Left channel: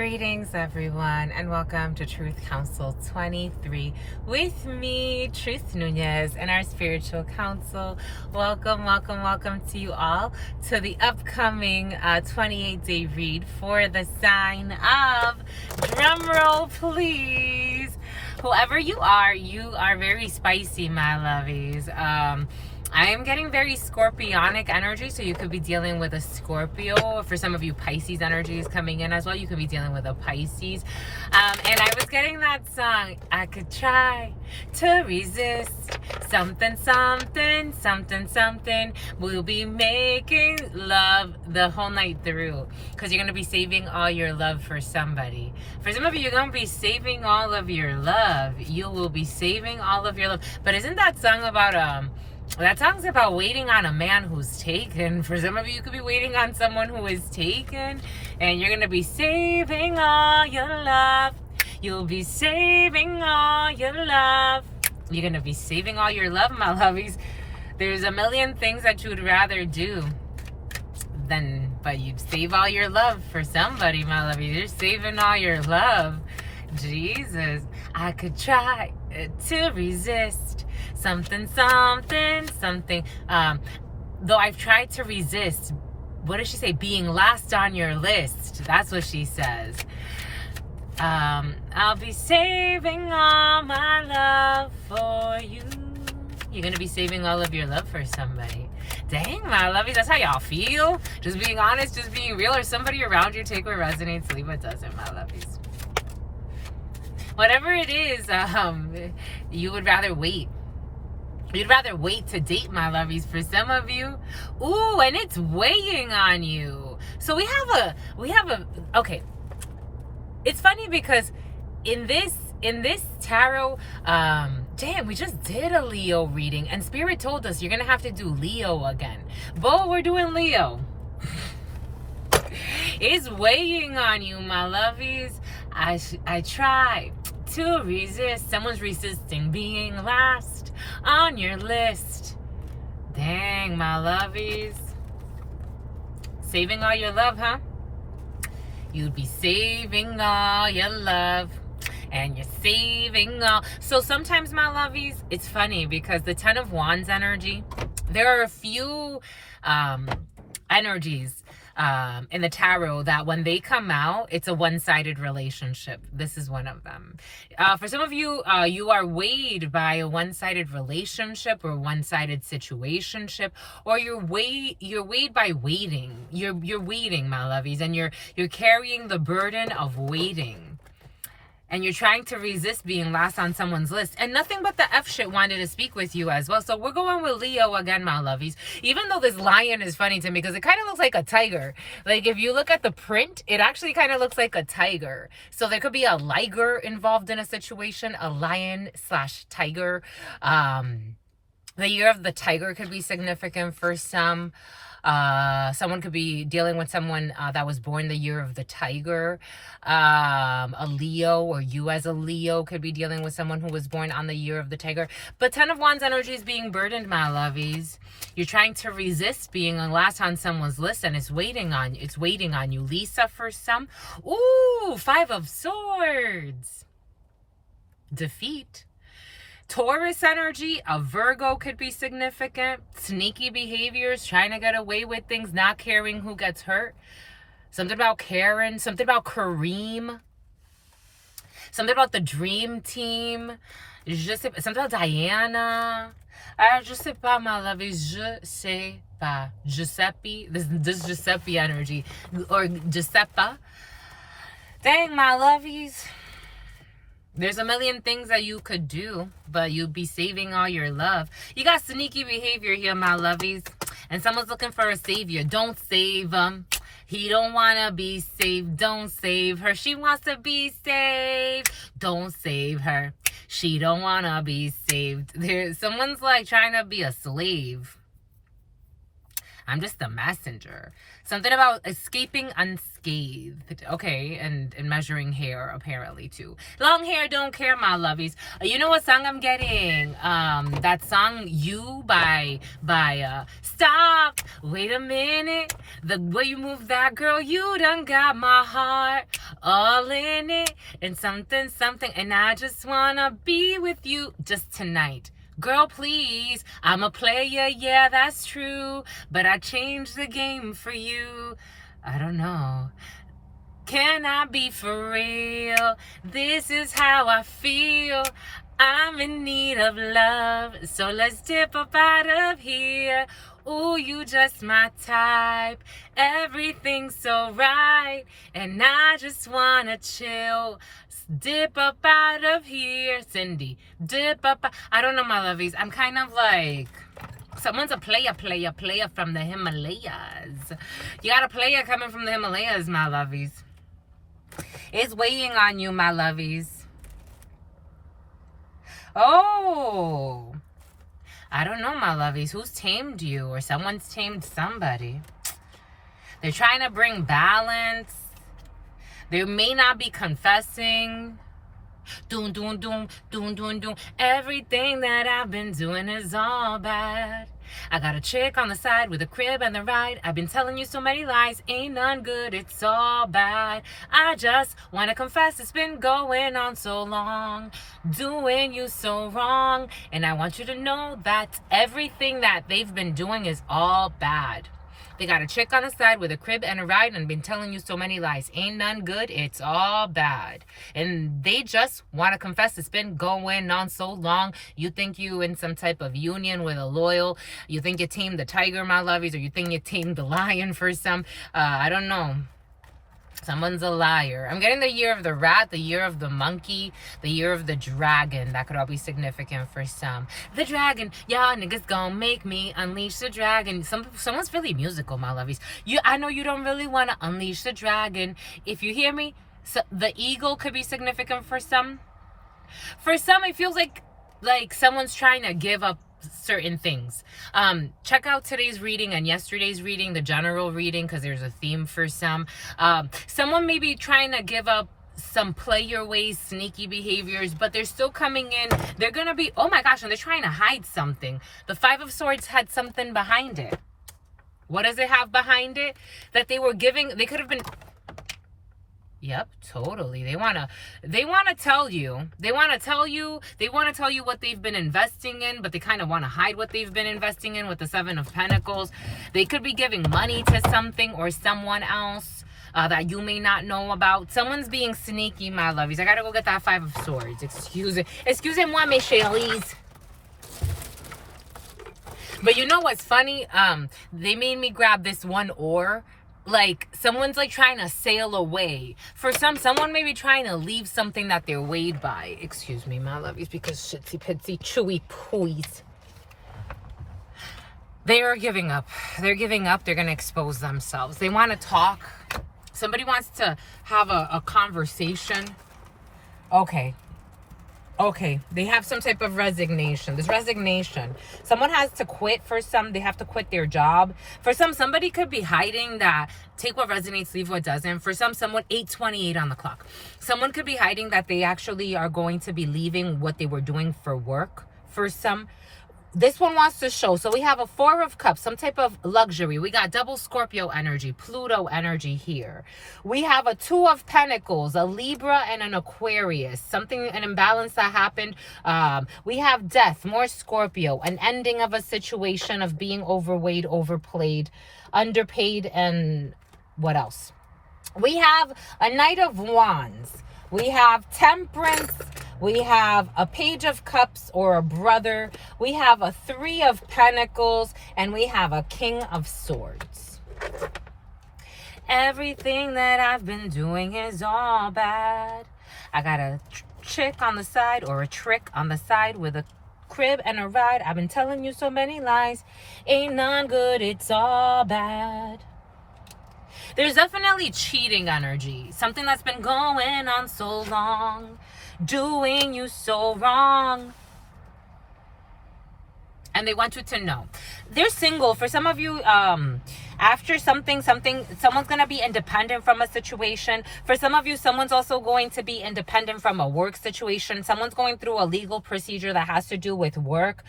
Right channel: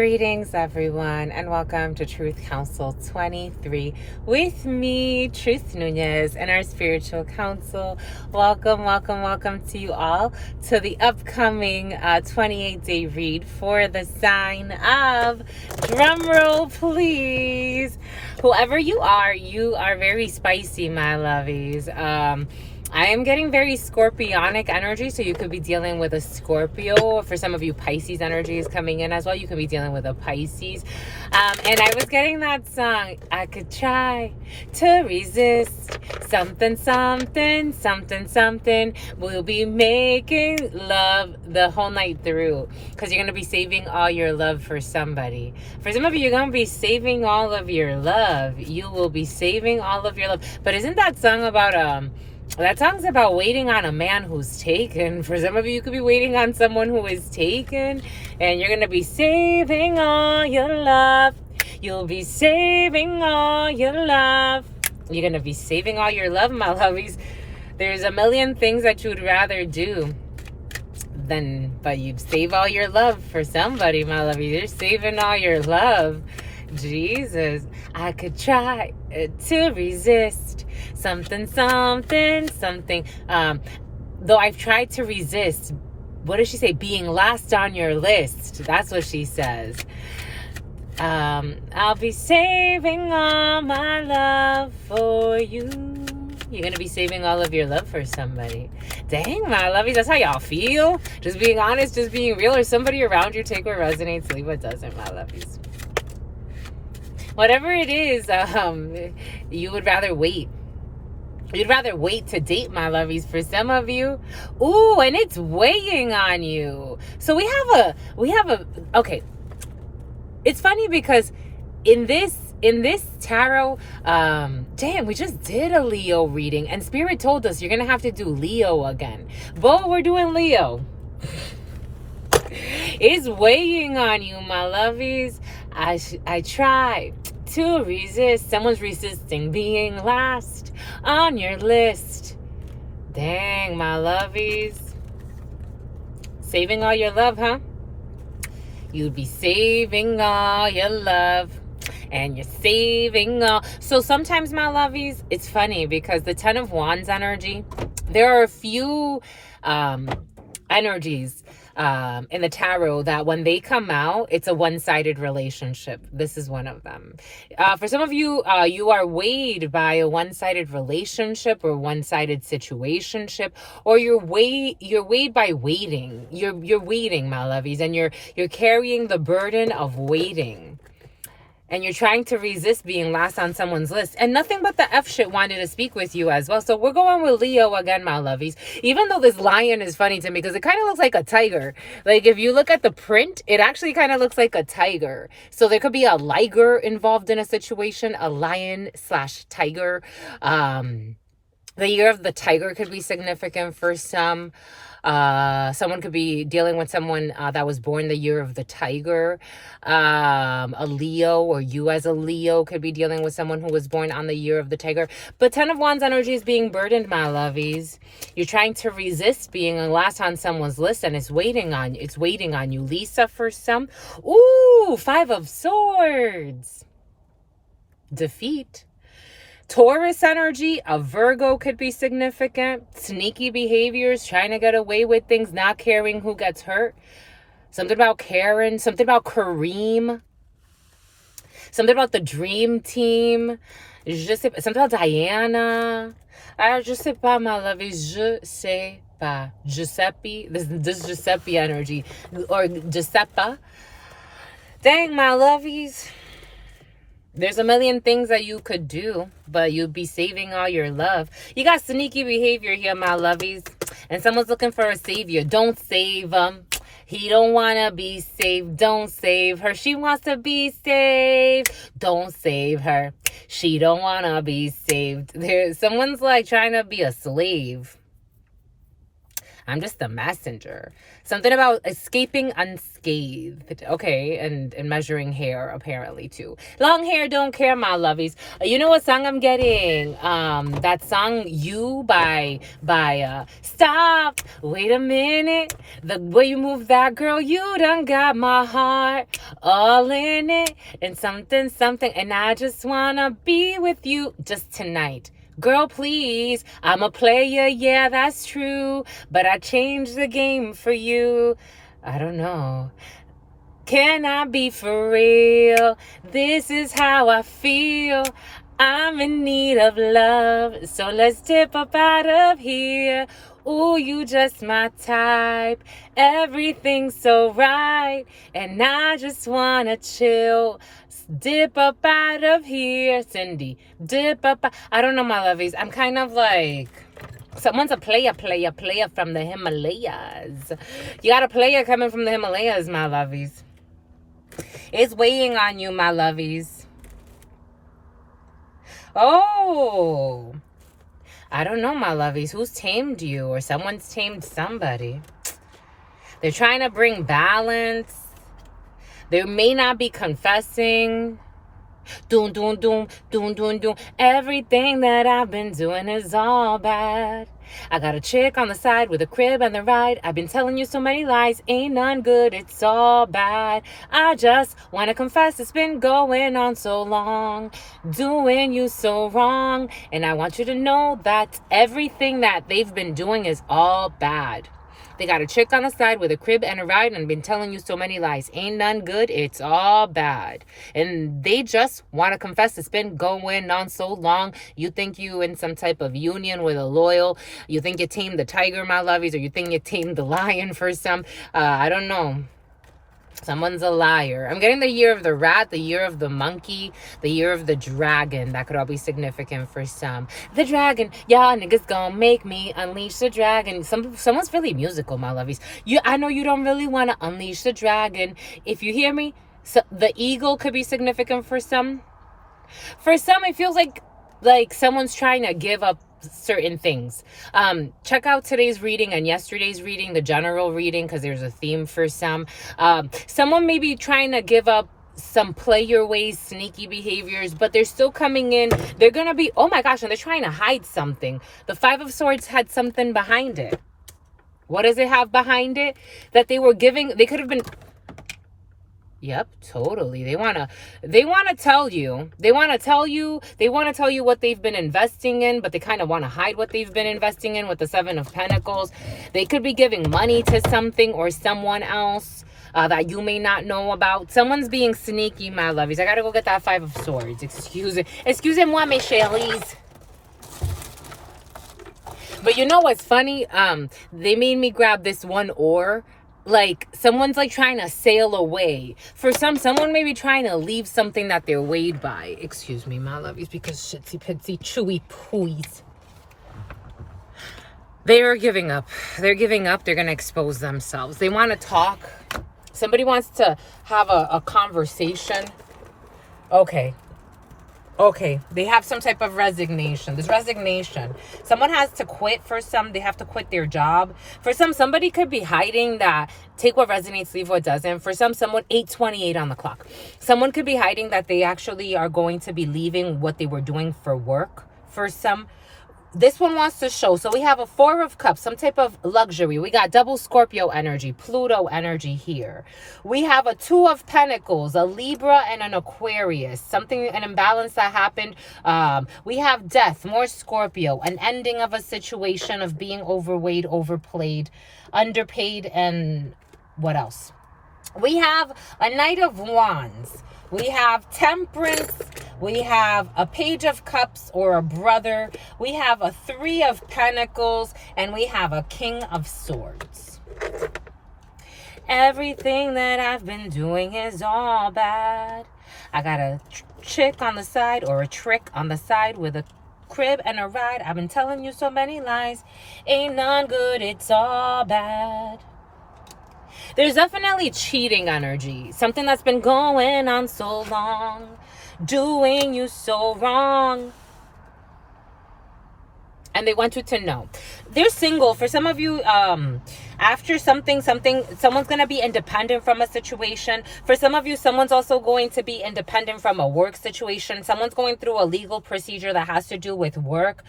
Greetings, everyone, and welcome to Truth Council 23 with me, Truth Nunez, and our spiritual council. Welcome to you all to the upcoming 28-day read for the sign of, drumroll please, whoever you are very spicy, my lovies. I am getting very scorpionic energy, so you could be dealing with a Scorpio. For some of you, Pisces energy is coming in as well. You could be dealing with a Pisces. And I was getting that song, I could try to resist something. We'll be making love the whole night through, because you're going to be saving all your love for somebody. For some of you, you're going to be saving all of your love. You will be saving all of your love. But isn't that song about... That song's about waiting on a man who's taken. For some of you, you could be waiting on someone who is taken, and you're going to be saving all your love. You'll be saving all your love. You're going to be saving all your love, my lovies. There's a million things that you'd rather do but you'd save all your love for somebody, my lovies. You're saving all your love. Jesus, I could try to resist something. Though I've tried to resist, what does she say? Being last on your list. That's what she says. I'll be saving all my love for you. You're going to be saving all of your love for somebody. Dang, my lovies, that's how y'all feel? Just being honest, just being real, or somebody around you, take what resonates, leave what doesn't, my lovies. Whatever it is, you would rather wait. You'd rather wait to date, my lovies, for some of you. Ooh, and it's weighing on you. So we have a, okay. It's funny because in this tarot, we just did a Leo reading, and Spirit told us you're going to have to do Leo again. But we're doing Leo. It's weighing on you, my lovies. I try to resist. Someone's resisting being last on your list. Dang, my lovies. Saving all your love, huh? You'd be saving all your love. And you're saving all. So sometimes, my lovies, it's funny because the 10 of Wands energy, there are a few energies in the tarot that when they come out, it's a one-sided relationship. This is one of them. For some of you, you are weighed by a one-sided relationship or one-sided situationship, or you're weighed by waiting. You're waiting, my lovies, and you're carrying the burden of waiting. And you're trying to resist being last on someone's list. And nothing but the F shit wanted to speak with you as well. So we're going with Leo again, my lovies. Even though this lion is funny to me because it kind of looks like a tiger. Like if you look at the print, it actually kind of looks like a tiger. So there could be a liger involved in a situation, a lion/tiger. The year of the tiger could be significant for some. Someone could be dealing with someone that was born the year of the tiger. A Leo, or you as a Leo could be dealing with someone who was born on the year of the tiger. But 10 of Wands energy is being burdened, my lovies. You're trying to resist being last on someone's list, and it's waiting on you. It's waiting on you. Lisa for some. Ooh, 5 of Swords. Defeat. Taurus energy, a Virgo could be significant. Sneaky behaviors, trying to get away with things, not caring who gets hurt. Something about Karen, something about Kareem. Something about the Dream Team. Something about Diana. Je sais pas, my lovies. Je sais pas. Giuseppe. This Giuseppe energy. Or Giuseppa. Dang, my lovies. There's a million things that you could do, but you'd be saving all your love. You got sneaky behavior here, my lovies. And someone's looking for a savior. Don't save him. He don't want to be saved. Don't save her. She wants to be saved. Don't save her. She don't want to be saved. Someone's like trying to be a slave. I'm just a messenger. Something about escaping unscathed. Okay, and measuring hair apparently too. Long hair don't care, my lovies. You know what song I'm getting? That song "You" by Stop. Wait a minute. The way you move that, girl, you done got my heart all in it. And something, and I just wanna be with you just tonight. Girl, please, I'm a player, yeah, that's true. But I changed the game for you. I don't know. Can I be for real? This is how I feel. I'm in need of love. So let's dip up out of here. Ooh, you just my type. Everything's so right. And I just wanna chill. Dip up out of here, Cindy. Dip up. I don't know, my lovies. I'm kind of like someone's a player from the Himalayas. You got a player coming from the Himalayas, my lovies. It's weighing on you, my lovies. Oh, I don't know, my lovies. Who's tamed you? Or someone's tamed somebody. They're trying to bring balance. They may not be confessing. Doom, doom, doom, doom, doom, doom. Everything that I've been doing is all bad. I got a chick on the side with a crib and the ride. I've been telling you so many lies. Ain't none good, it's all bad. I just want to confess it's been going on so long. Doing you so wrong. And I want you to know that everything that they've been doing is all bad. They got a chick on the side with a crib and a ride and been telling you so many lies. Ain't none good. It's all bad. And they just want to confess it's been going on so long. You think you in some type of union with a loyal. You think you tamed the tiger, my lovies, or you think you tamed the lion for some. I don't know. Someone's a liar. I'm getting the year of the rat, the year of the monkey, the year of the dragon. That could all be significant for some. The dragon, y'all niggas gonna make me unleash the dragon. Someone's really musical, my lovies. I know you don't really want to unleash the dragon. If you hear me, so the eagle could be significant for some. For some, it feels like someone's trying to give up certain things. Check out today's reading and yesterday's reading, the general reading, because there's a theme for some. Someone may be trying to give up some play your ways, sneaky behaviors, but they're still coming in. They're gonna be, oh my gosh, and they're trying to hide something. The Five of Swords had something behind it. What does it have behind it? That they were giving, they could have been. Yep, totally. They want to tell you what they've been investing in, but they kind of want to hide what they've been investing in with the Seven of Pentacles. They could be giving money to something or someone else that you may not know about. Someone's being sneaky, my lovies. I got to go get that Five of Swords. Excusez-moi, mes chéris. But you know what's funny? They made me grab this one oar. Like someone's like trying to sail away. For someone may be trying to leave something that they're weighed by. Excuse me, my lovies, because shitsy pitsy chewy pooies. They are giving up. They're giving up. They're going to expose themselves. They want to talk. Somebody wants to have a conversation. Okay, they have some type of resignation. This resignation. Someone has to quit for some. They have to quit their job. For some, somebody could be hiding that. Take what resonates, leave what doesn't. For someone 8:28 on the clock. Someone could be hiding that they actually are going to be leaving what they were doing for work. For some, this one wants to show. So we have a Four of Cups, some type of luxury. We got double Scorpio energy, Pluto energy here. We have a Two of Pentacles, a Libra and an Aquarius. An imbalance that happened. We have Death, more Scorpio, an ending of a situation of being overweight, overplayed, underpaid, and what else? We have a Knight of Wands. We have Temperance. We have a Page of Cups or a Brother. We have a Three of Pentacles. And we have a King of Swords. Everything that I've been doing is all bad. I got a chick on the side or a trick on the side with a crib and a ride. I've been telling you so many lies. Ain't none good, it's all bad. There's definitely cheating energy. Something that's been going on so long. Doing you so wrong. And they want you to know. They're single. For some of you, I After something, someone's going to be independent from a situation. For some of you, someone's also going to be independent from a work situation. Someone's going through a legal procedure that has to do with work.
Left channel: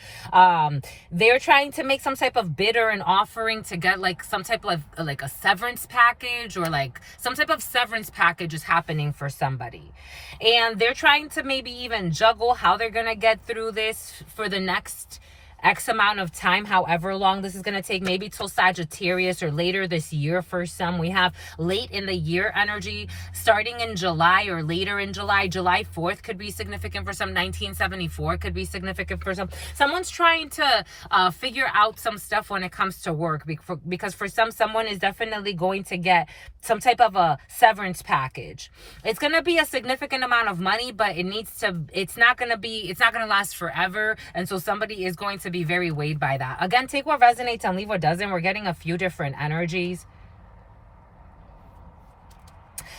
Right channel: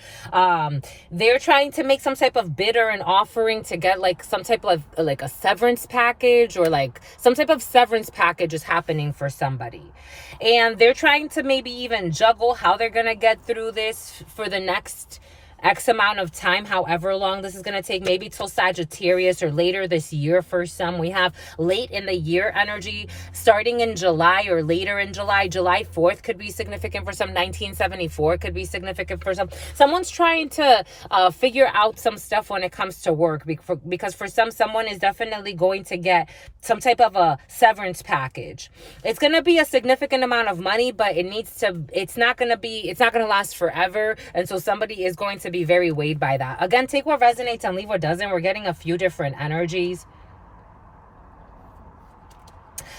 They're trying to make some type of bid or an offering to get like some type of like a severance package, or like some type of severance package is happening for somebody. And they're trying to maybe even juggle how they're going to get through this for the next X amount of time, however long this is going to take, maybe till Sagittarius or later this year. For some, we have late in the year energy, starting in July or later in July. July 4th could be significant for some. 1974 could be significant for some. Someone's trying to figure out some stuff when it comes to work, because for some, someone is definitely going to get some type of a severance package. It's going to be a significant amount of money, but it's not going to last forever. And so somebody is going to be very weighed by that. Again, take what resonates and leave what doesn't. We're getting a few different energies.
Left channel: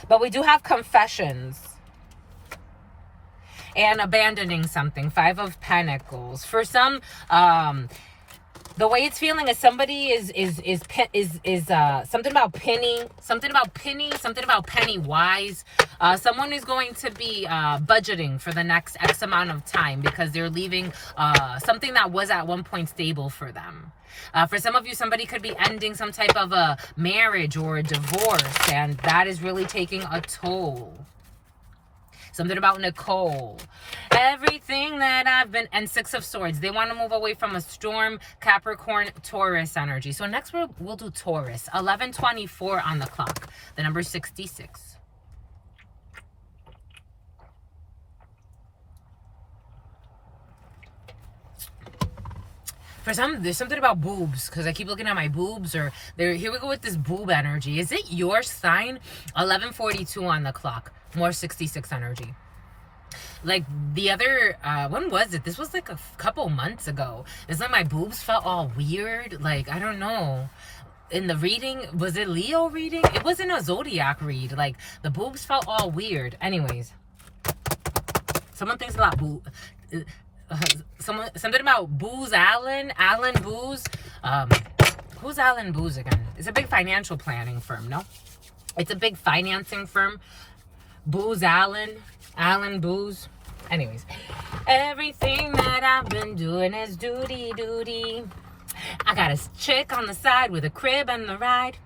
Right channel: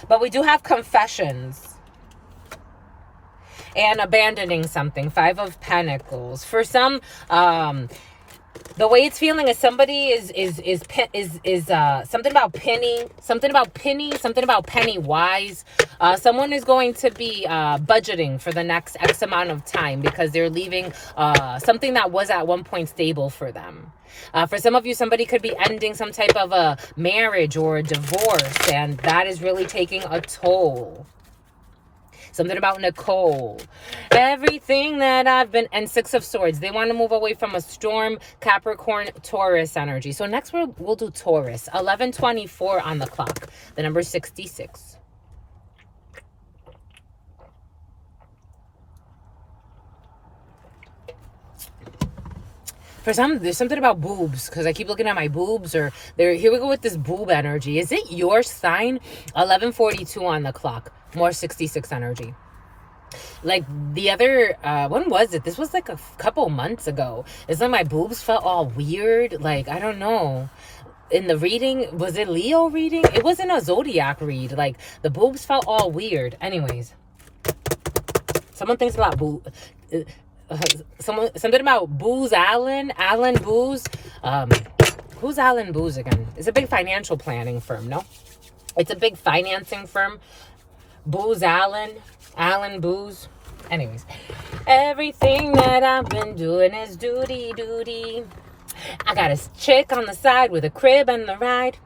But we do have confessions and abandoning something. 5 of Pentacles. For some, the way it's feeling is somebody is something about pinning, something about penny wise. Someone is going to be budgeting for the next X amount of time, because they're leaving something that was at one point stable for them. For some of you, somebody could be ending some type of a marriage or a divorce, and that is really taking a toll. Something about Nicole. Everything that I've been... And 6 of Swords. They want to move away from a storm, Capricorn, Taurus energy. So next we'll do Taurus. 11:24 on the clock. The number 66. For some, there's something about boobs, because I keep looking at my boobs, or here we go with this boob energy. Is it your sign? 11:42 on the clock. More 66 energy. Like the other, when was it? This was like a couple months ago. It's like my boobs felt all weird. Like, I don't know. In the reading, was it Leo reading? It wasn't a zodiac read. Like, the boobs felt all weird. Anyways. Someone thinks about something about Booz Allen Booz. Who's Allen Booz again? It's a big financial planning firm. No, it's a big financing firm. Booz Allen Booz. Anyways, everything that I've been doing is duty. I got a chick on the side with a crib and the ride.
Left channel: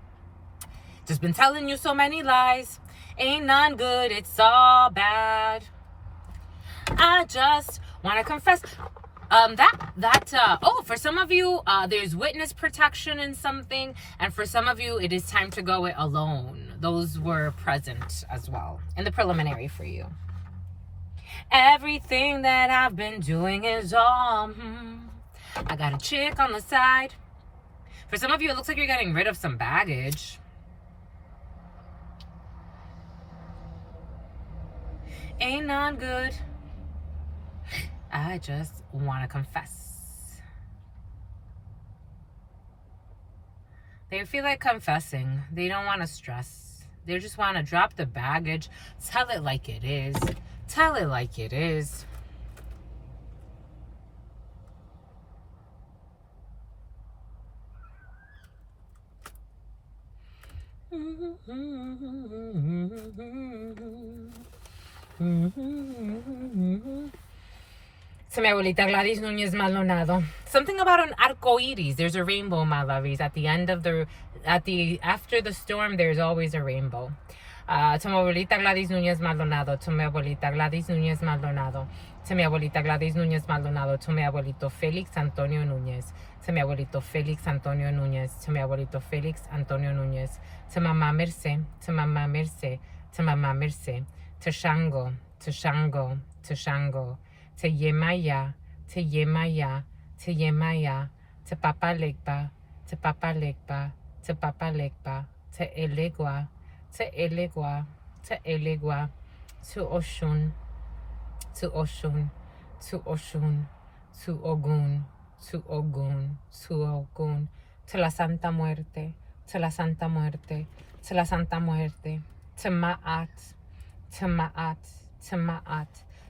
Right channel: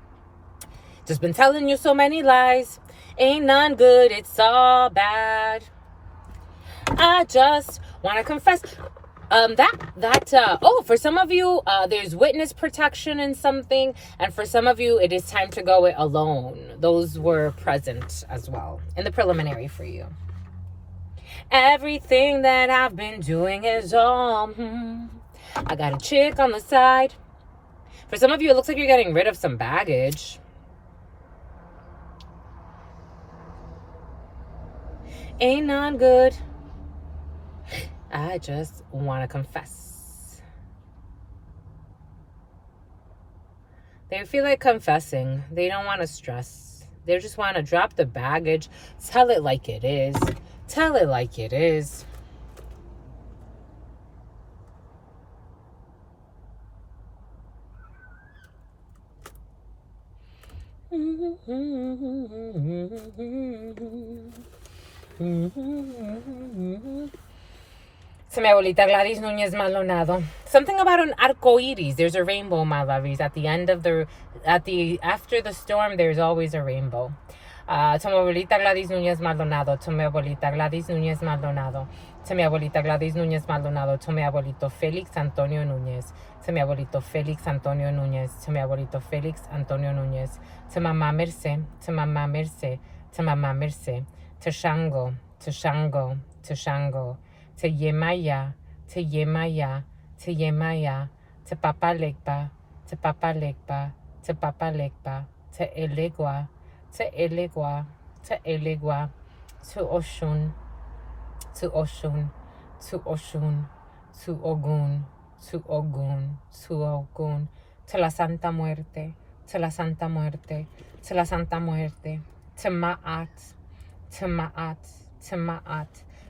Just been telling you so many lies. Ain't none good, it's all bad. I just want to confess. For some of you, there's witness protection in something, and for some of you, it is time to go it alone. Those were present as well in the preliminary for you. Everything that I've been doing is all. I got a chick on the side. For some of you, it looks like you're getting rid of some baggage. Ain't none good. I just want to confess. They feel like confessing. They don't want to stress. They just want to drop the baggage. Tell it like it is. Tell it like it is. To mi abuelita Gladys Núñez Maldonado. Something about an arco iris. There's a rainbow, my lovies. After the storm, there's always a rainbow. To mi abuelita Gladys Núñez Maldonado. To mi abuelita Gladys Núñez Maldonado. To mi abuelita Gladys Núñez Maldonado. To mi abuelito Félix Antonio Núñez. To mi abuelito Félix Antonio Núñez. To mi abuelito Félix Antonio Núñez. To mamá Mercé. To mamá Mercé. To mamá Mercé. To Shango. To Shango. To Shango. To Yemaya, to Yemaya, to Yemaya, to Papa Legba, to Papa Legba, to Papa Legba, to Elegua, to Elegua, to Elegua, to Oshun, to Oshun, to Oshun, to Ogun, to Ogun, to Ogun, to la Santa Muerte, to la Santa Muerte, to la Santa Muerte, to Ma'at, to Ma'at, to Ma'at,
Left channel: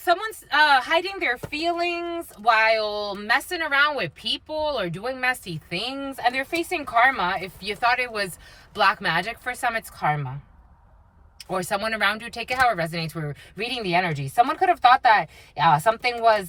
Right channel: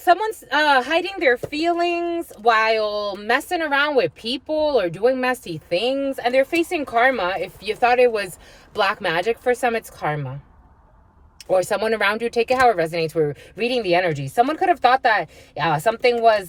Someone's hiding their feelings while messing around with people or doing messy things, and they're facing karma. If you thought it was black magic, for some it's karma. Or someone around you, take it how it resonates. We're reading the energy. Someone could have thought that something was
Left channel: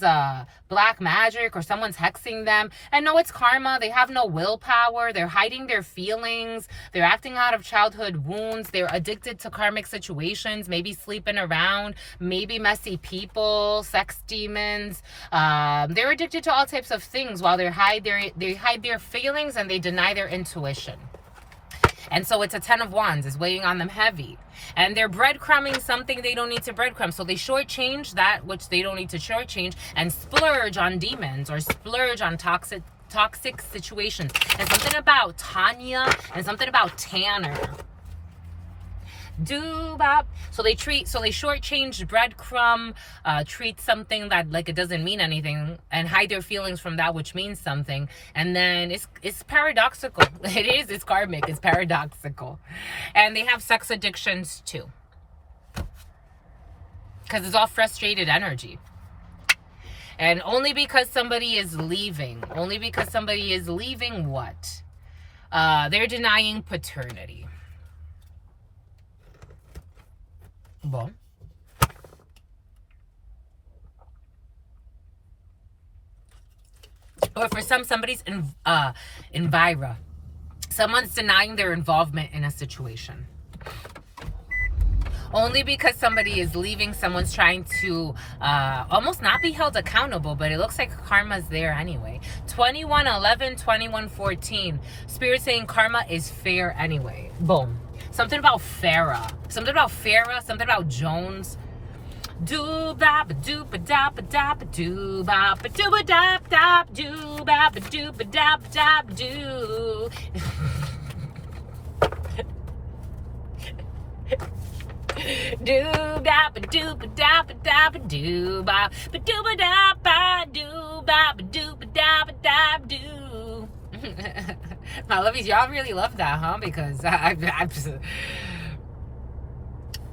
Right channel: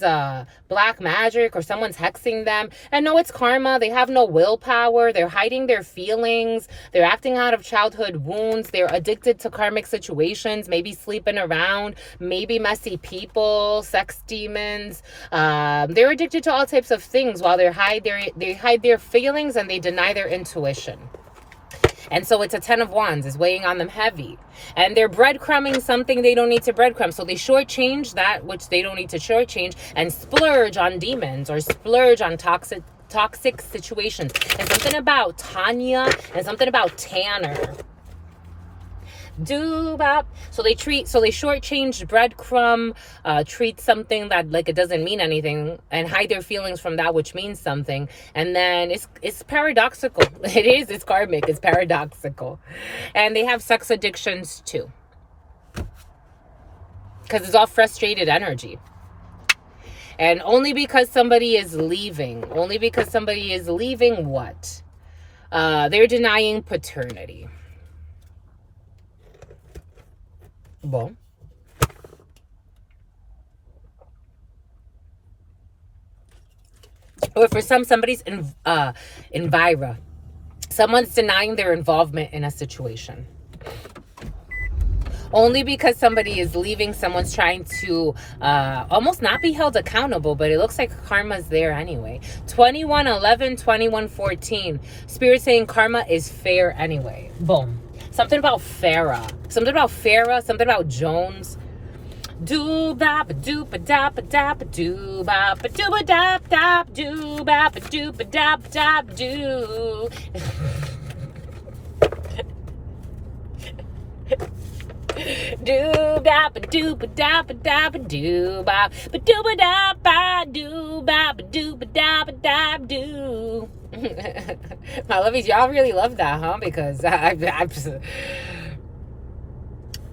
black magic or someone's hexing them. And no, it's karma. They have no willpower. They're hiding their feelings. They're acting out of childhood wounds. They're addicted to karmic situations, maybe sleeping around, maybe messy people, sex demons. They're addicted to all types of things while they hide their feelings and they deny their intuition. And so it's a 10 of Wands is weighing on them heavy. And they're breadcrumbing something they don't need to breadcrumb. So they shortchange that which they don't need to shortchange and splurge on demons or splurge on toxic situations. And something about Tanya and something about Tanner. Doobop. So they shortchange breadcrumb, treat something that like it doesn't mean anything and hide their feelings from that which means something. And then it's paradoxical. It's karmic, it's paradoxical. And they have sex addictions too. Because it's all frustrated energy. And only because somebody is leaving what? They're denying paternity. Well, or for somebody's enviro. Someone's denying their involvement in a situation. Only because somebody is leaving, someone's trying to almost not be held accountable, but it looks like karma's there anyway. 21:11, 21:14. Spirit saying karma is fair anyway. Boom. Something about Farah. Something about Jones. Do bop doop a dop a dop a do bop a doo a dop dop do bop a doop a dop dop do. Do bop a doop a dop a dop a do bop a doo a dop a do bop a doop a dop a dop do. My lovies, y'all really love that, huh? Because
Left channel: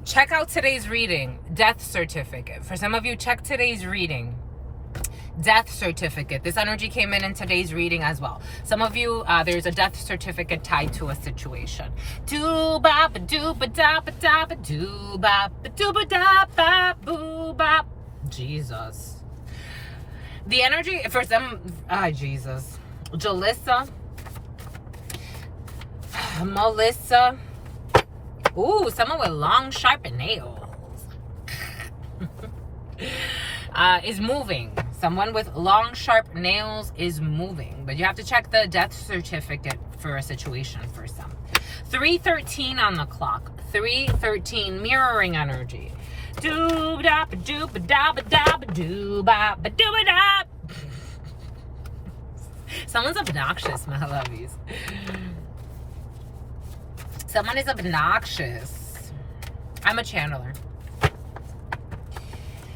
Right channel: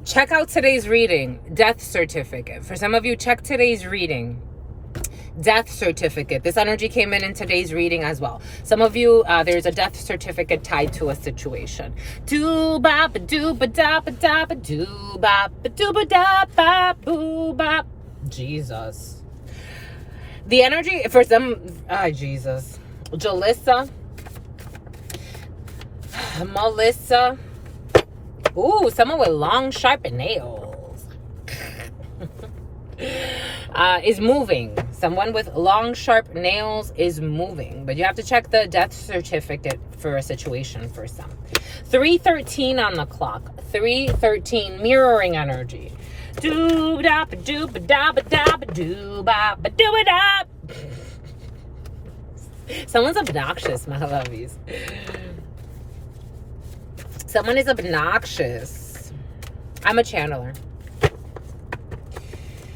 check out today's reading, death certificate. For some of you, check today's reading, death certificate. This energy came in today's reading as well. Some of you, there's a death certificate tied to a situation. Do bop a doop a dop a dop a do bop a doop a dop bop boo bop. Jesus. The energy for some, Jesus. Jalissa, Melissa. Ooh, someone with long, sharp nails is moving. Someone with long, sharp nails is moving. But you have to check the death certificate for a situation for some. 3:13 on the clock. 3:13, mirroring energy. Doob dop doop dop dop doob bop doob dop. Someone's obnoxious, my lovies. Someone is obnoxious. I'm a channeler.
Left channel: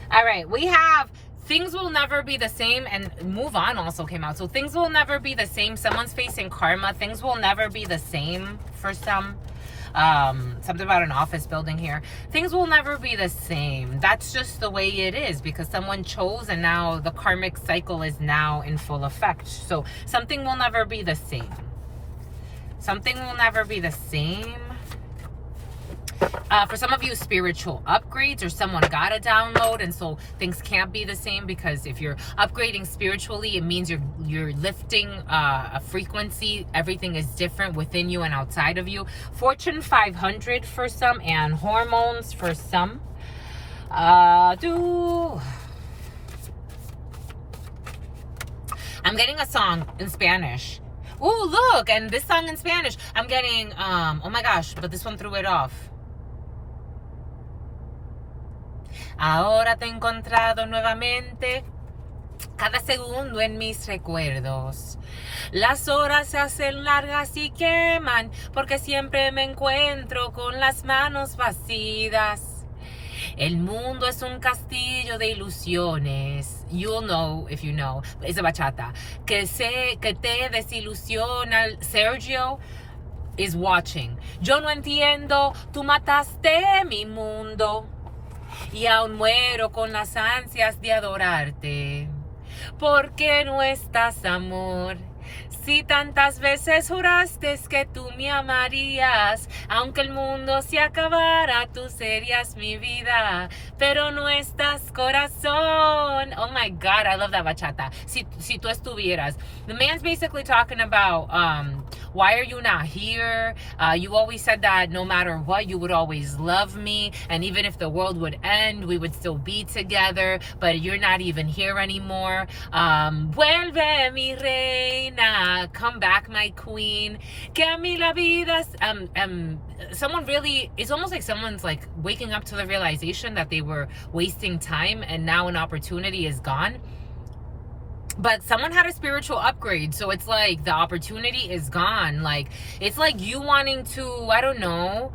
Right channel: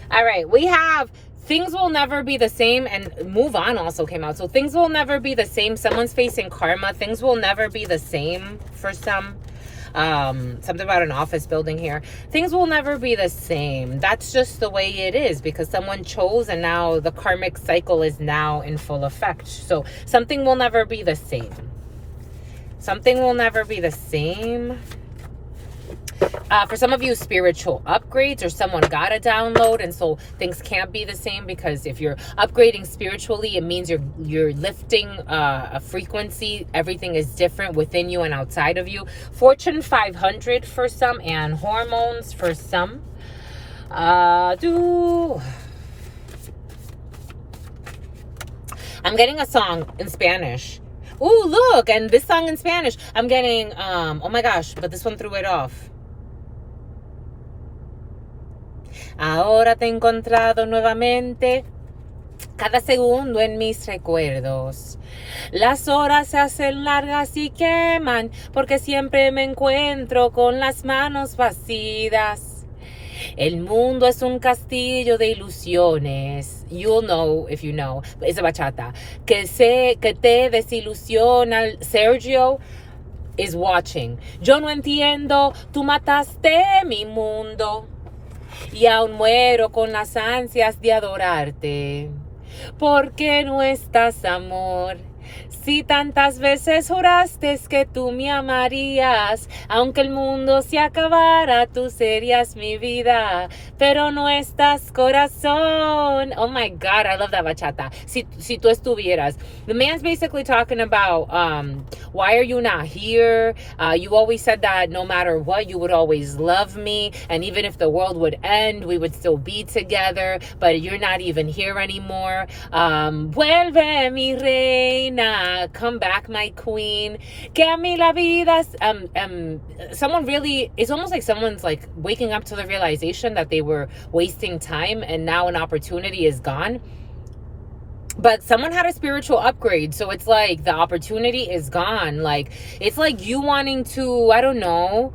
All right, we have things will never be the same, and move on also came out. So things will never be the same. Someone's facing karma. Things will never be the same for some. Something about an office building here. Things will never be the same. That's just the way it is because someone chose and now the karmic cycle is now in full effect. So something will never be the same. Something will never be the same. For some of you, spiritual upgrades or someone got a download and so things can't be the same because if you're upgrading spiritually, it means you're lifting a frequency. Everything is different within you and outside of you. Fortune 500 for some and hormones for some. I'm getting a song in Spanish. Ooh, look, and this song in Spanish. I'm getting, oh my gosh, but this one threw it off. Ahora te he encontrado nuevamente, cada segundo en mis recuerdos. Las horas se hacen largas y queman, porque siempre me encuentro con las manos vacías. El mundo es un castillo de ilusiones. You'll know if you know. Es a bachata. Que te desilusiona. Sergio is watching. Yo no entiendo. Tú mataste mi mundo. y aún muero con las ansias de adorarte. ¿Por qué no estás, amor? Si tantas veces juraste que tú me amarías, aunque el mundo se acabara, tú serías mi vida, pero no estás, corazón. Oh my God, I love that bachata. Si tú estuvieras. The man's basically talking about, why are you not here? You always said that no matter what, you would always love me, and even if the world would end, we would still be together, but you're not even here anymore. Vuelve mi reina, come back my queen, que a mí la vida. Someone really, it's almost like someone's like waking up to the realization that they were wasting time and now an opportunity is gone. But someone had a spiritual upgrade, so it's like the opportunity is gone. Like, it's like you wanting to, I don't know,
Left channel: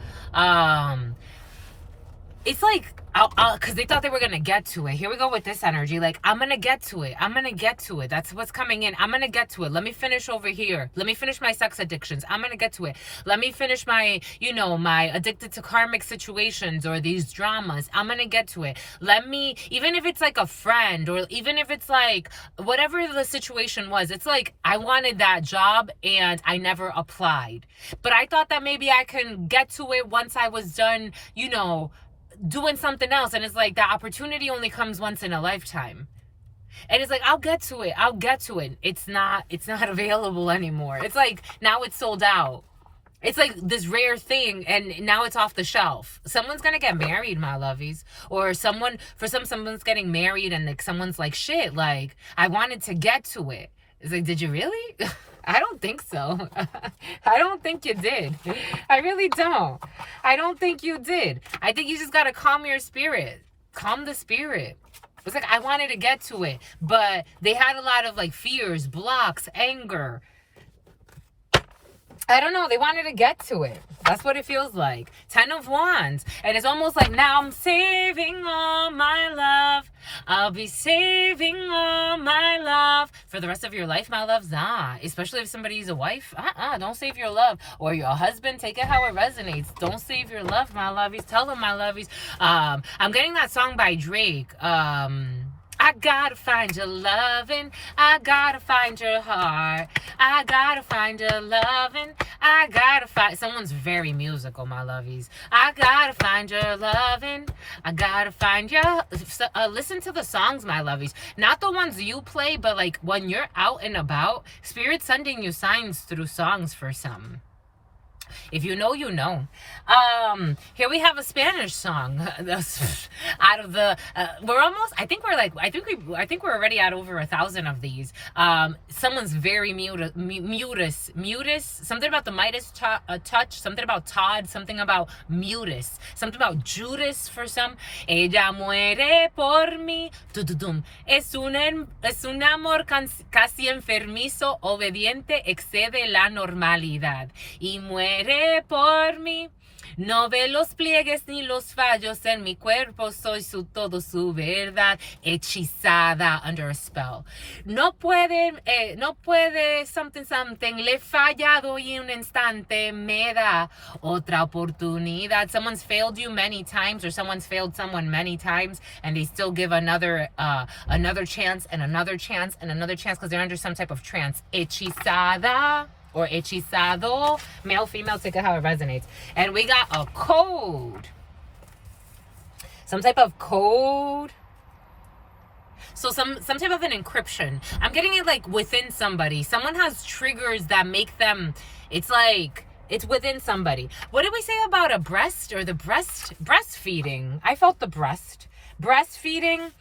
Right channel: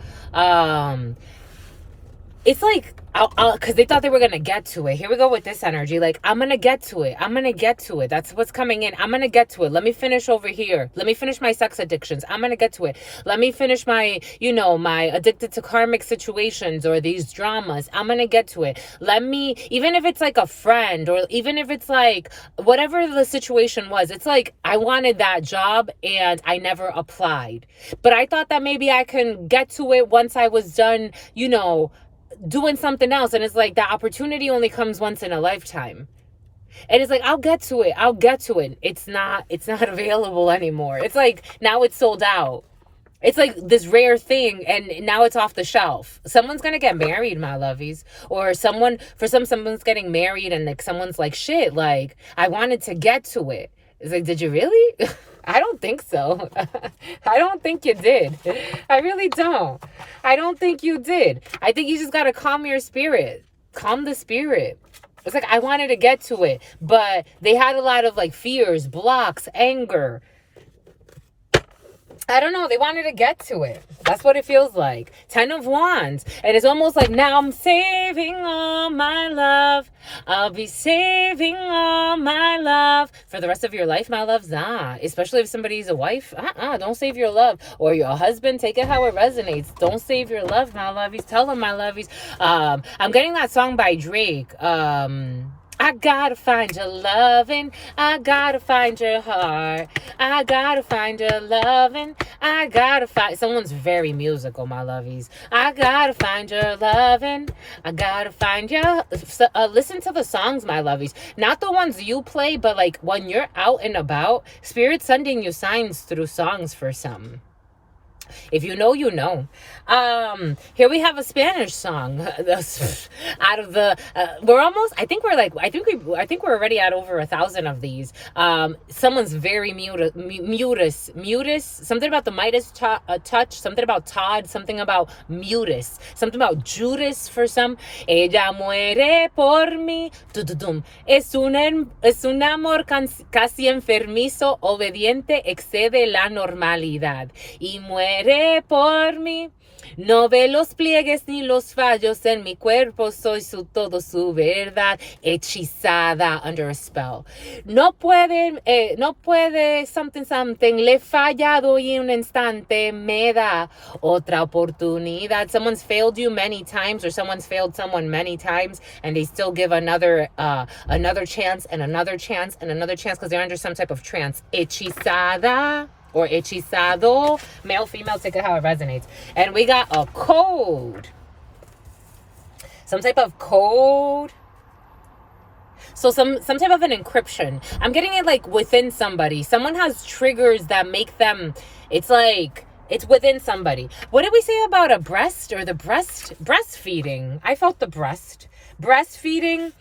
it's like, because they thought they were going to get to it. Here we go with this energy. Like, I'm going to get to it. I'm going to get to it. That's what's coming in. I'm going to get to it. Let me finish over here. Let me finish my sex addictions. I'm going to get to it. Let me finish my, my addicted to karmic situations or these dramas. I'm going to get to it. Let me, even if it's like a friend or even if it's like whatever the situation was, it's like I wanted that job and I never applied. But I thought that maybe I can get to it once I was done, doing something else. And it's like that opportunity only comes once in a lifetime. And it's like, I'll get to it. It's not available anymore. It's like now it's sold out. It's like this rare thing and now it's off the shelf. Someone's gonna get married, my lovies. Or someone's getting married and like someone's like, shit, like I wanted to get to it. It's like, did you really? I don't think so. I don't think you did. I really don't. I don't think you did. I think you just got to calm your spirit. Calm the spirit. It's like, I wanted to get to it, but they had a lot of like fears, blocks, anger. I don't know. They wanted to get to it. That's what it feels like. 10 of Wands. And it's almost like, now I'm saving all my love. I'll be saving all my love. For the rest of your life, my loves, nah. Especially if somebody's a wife. Don't save your love. Or your husband, take it how it resonates. Don't save your love, my lovies. Tell them, my lovies. I'm getting that song by Drake. I gotta find your loving. I gotta find your heart. I gotta find your loving. I gotta find. Someone's very musical, my lovies. I gotta find your loving. I gotta find your. Listen to the songs, my lovies. Not the ones you play, but like when you're out and about, Spirit's sending you signs through songs for some. If you know, you know. Here we have a Spanish song. Out of the, I think we're already at over 1,000 of these. Someone's very mutus, something about the Midas touch, something about Todd, something about mutus, something about Judas for some. Ella muere por mí. Es un amor casi enfermizo, obediente, excede la normalidad. Y muere por mí. No ve los pliegues ni los fallos en mi cuerpo, soy todo su verdad, hechizada under a spell. No puede, something, le he fallado y un instante me da otra oportunidad. Someone's failed you many times, or someone's failed someone many times, and they still give another chance and another chance and another chance because they're under some type of trance. Hechizada. Or hechizado, male, female, take it how it resonates. And we got a code. Some type of code. So some type of an encryption. I'm getting it like within somebody. Someone has triggers that make them, it's like, it's within somebody. What did we say about a breast or the breastfeeding? I felt the breast. Breastfeeding,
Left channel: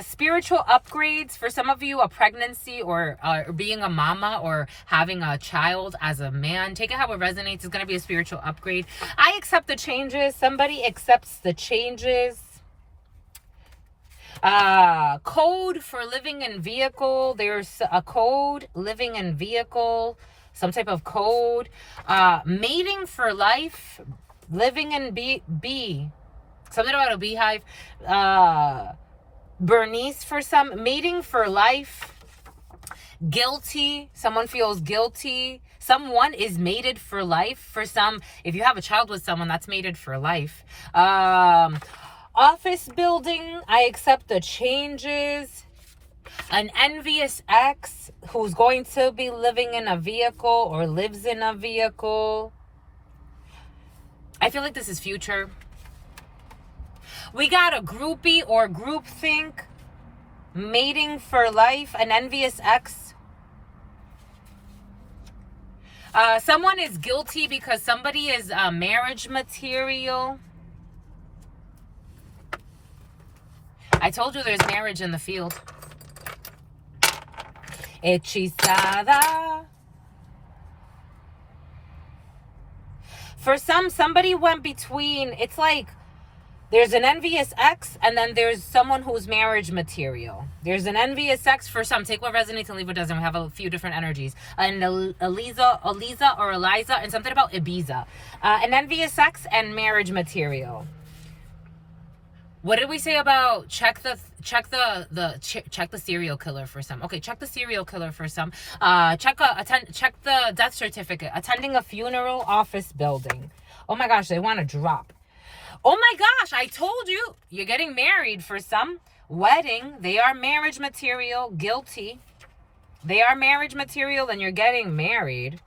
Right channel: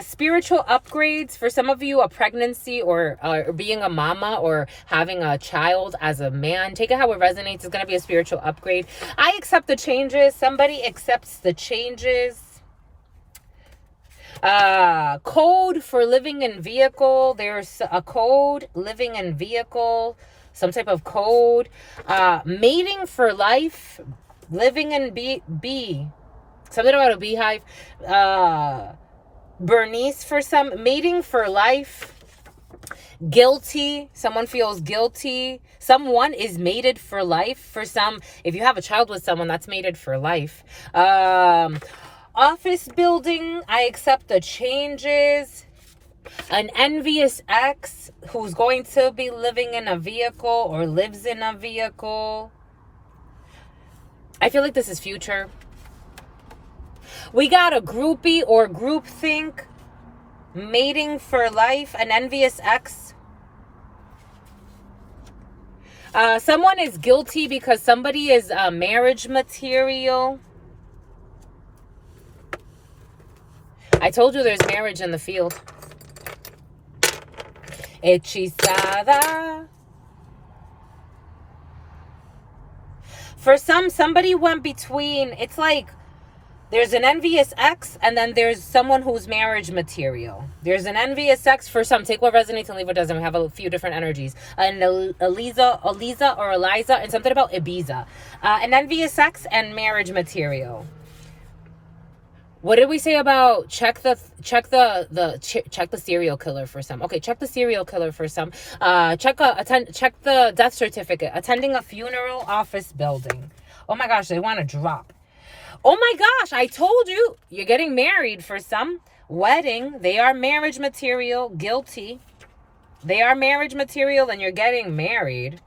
spiritual upgrades. For some of you, a pregnancy or being a mama or having a child as a man. Take it how it resonates. It's going to be a spiritual upgrade. I accept the changes. Somebody accepts the changes. Code for living in vehicle. There's a code, living in vehicle. Some type of code. Mating for life. Living in bee. Something about a beehive. Bernice for some. Mating for life. Guilty. Someone feels guilty. Someone is mated for life. For some, if you have a child with someone, that's mated for life. office building, I accept the changes. An envious ex who's going to be living in a vehicle or lives in a vehicle. I feel like this is future. We got a groupie or groupthink, mating for life, an envious ex. Someone is guilty because somebody is marriage material. I told you there's marriage in the field. Hechizada. For somebody went between, it's like there's an envious ex and then there's someone who's marriage material. There's an envious ex for some. Take what resonates and leave what doesn't. We have a few different energies. And Eliza or Eliza, and something about Ibiza. An envious ex and marriage material. What did we say about check the serial killer for some? Okay, check the serial killer for some. Check the death certificate. Attending a funeral, office building. Oh my gosh, they want to drop. Oh my gosh, I told you. You're getting married for some. Wedding, they are marriage material. Guilty. They are marriage material and you're getting married.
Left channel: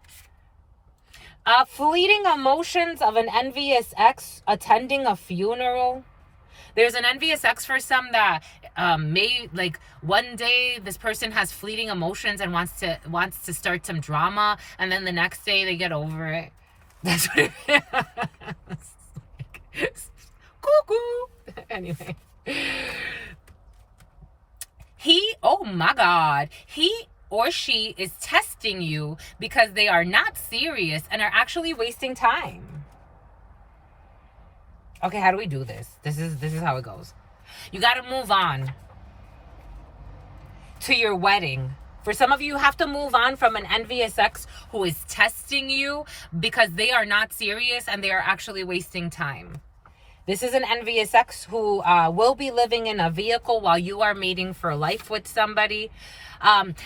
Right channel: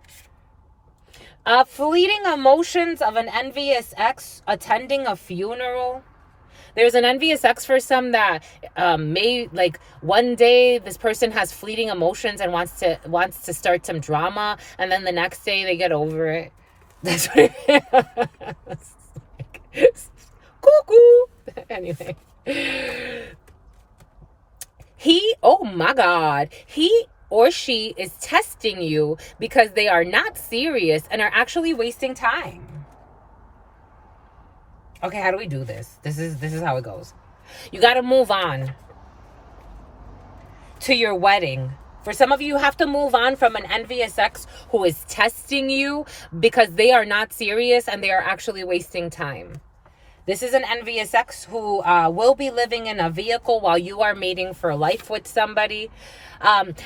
Fleeting emotions of an envious ex attending a funeral. There's an envious ex for some that may, like, one day this person has fleeting emotions and wants to start some drama, and then the next day they get over it. That's what it is. Cuckoo. Anyway. Oh my God. He or she is testing you because they are not serious and are actually wasting time. Okay, how do we do this? This is how it goes. You got to move on to your wedding. For some of you, you have to move on from an envious ex who is testing you because they are not serious and they are actually wasting time. This is an envious ex who will be living in a vehicle while you are mating for life with somebody.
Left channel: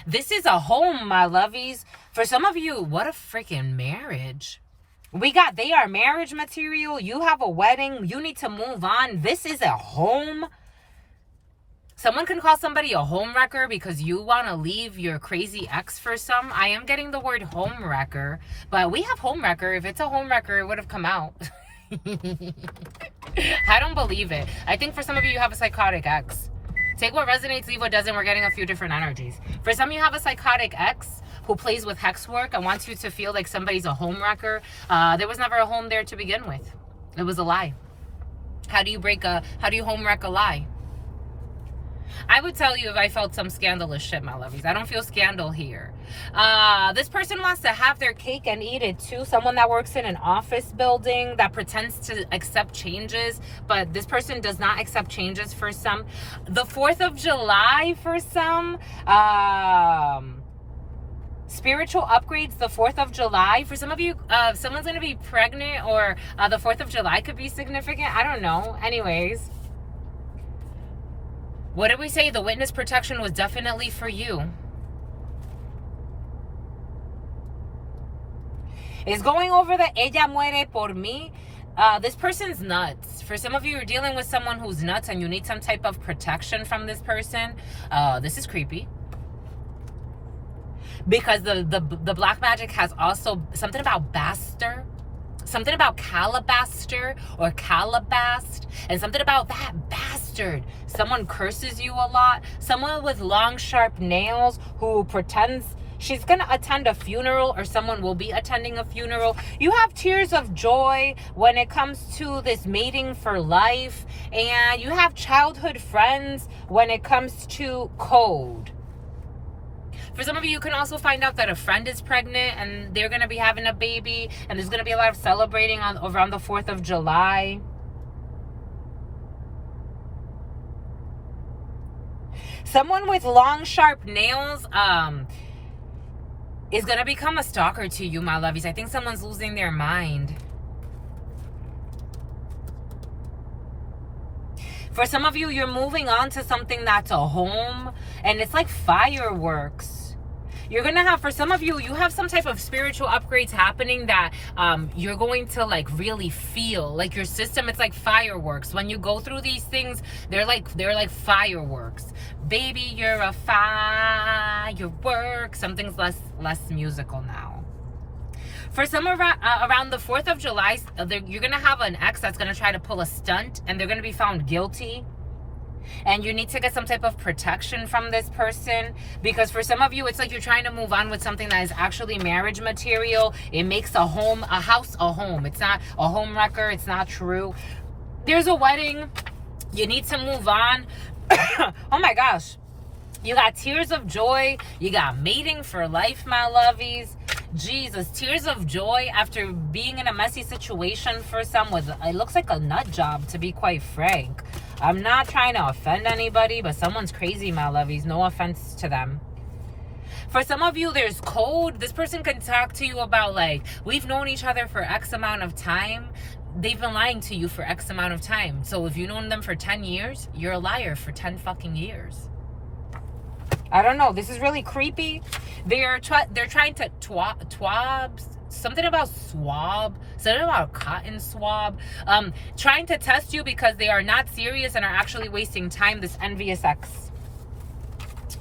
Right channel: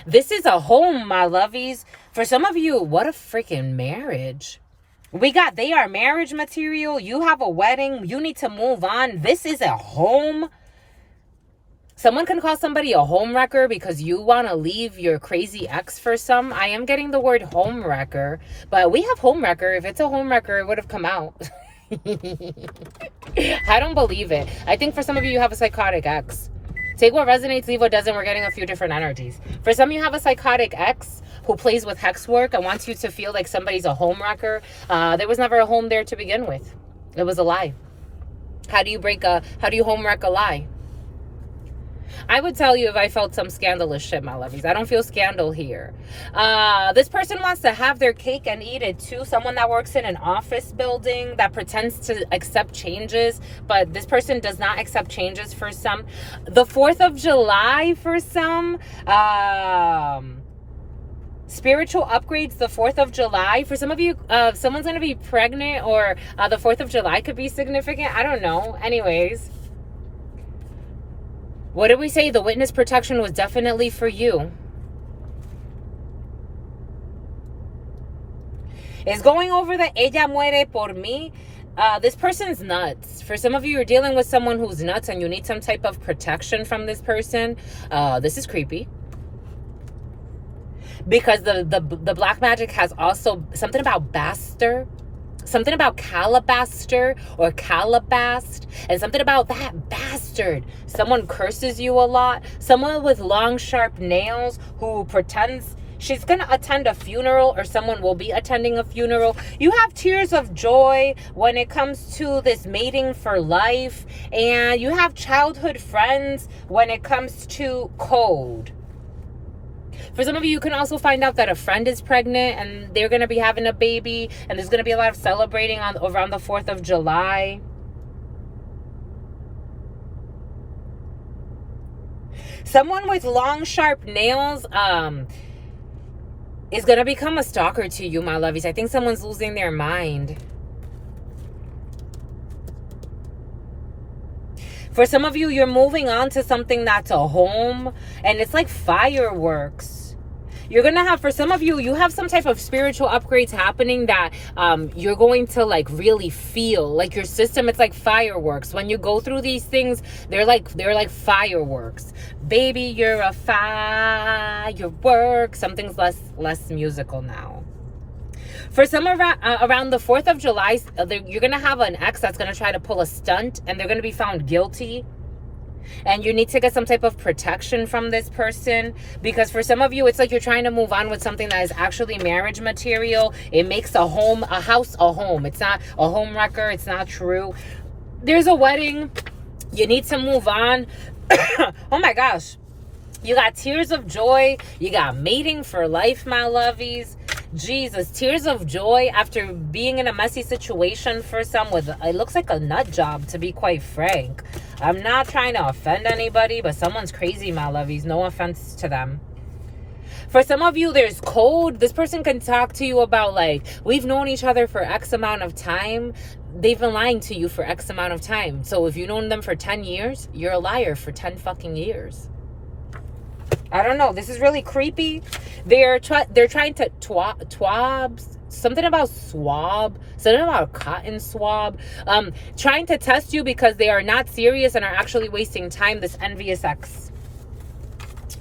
This is a home, my lovies. For some of you, what a freaking marriage. They are marriage material. You have a wedding. You need to move on. This is a home. Someone can call somebody a home wrecker because you want to leave your crazy ex for some. I am getting the word home wrecker, but we have home wrecker. If it's a home wrecker, it would have come out. I don't believe it. I think for some of you, you have a psychotic ex. Take what resonates, leave what doesn't. We're getting a few different energies. For some of you have a psychotic ex who plays with hex work and wants you to feel like somebody's a home wrecker. There was never a home there to begin with. It was a lie. How do you home wreck a lie? I would tell you if I felt some scandalous shit, my lovies. I don't feel scandal here. This person wants to have their cake and eat it too. Someone that works in an office building that pretends to accept changes, but this person does not accept changes for some. The 4th of July for some. Spiritual upgrades the 4th of July. For some of you, someone's going to be pregnant or the 4th of July could be significant. I don't know. Anyways. What did we say? The witness protection was definitely for you. It's going over the ella muere por mí. This person's nuts. For some of you, you're dealing with someone who's nuts and you need some type of protection from this person. This is creepy. Because the black magic has also something about bastard. Something about calabaster or calabast, and something about that bastard. Someone curses you a lot. Someone with long, sharp nails who pretends she's going to attend a funeral, or someone will be attending a funeral. You have tears of joy when it comes to this mating for life, and you have childhood friends when it comes to code. For some of you, you can also find out that a friend is pregnant and they're going to be having a baby, and there's going to be a lot of celebrating around the 4th of July. Someone with long, sharp nails is going to become a stalker to you, my lovies. I think someone's losing their mind. For some of you, you're moving on to something that's a home, and it's like fireworks. You're gonna have, for some of you, you have some type of spiritual upgrades happening that you're going to like really feel like your system. It's like fireworks. When you go through these things, they're like fireworks. Baby, you're a firework. Something's less musical now. For some around the 4th of July, you're gonna have an ex that's gonna try to pull a stunt, and they're gonna be found guilty. And you need to get some type of protection from this person, because for some of you, it's like you're trying to move on with something that is actually marriage material. It makes a house a home. It's not a home wrecker. It's not true. There's a wedding. You need to move on. Oh my gosh. You got tears of joy. You got mating for life, my lovies. Jesus, tears of joy after being in a messy situation for some with, it looks like a nut job, to be quite frank. I'm not trying to offend anybody, but someone's crazy, my lovies. No offense to them. For some of you, there's code. This person can talk to you about, like, we've known each other for X amount of time. They've been lying to you for X amount of time. So if you've known them for 10 years, you're a liar for 10 fucking years. I don't know. This is really creepy. They're trying to something about swab, something about cotton swab, trying to test you because they are not serious and are actually wasting time. This envious ex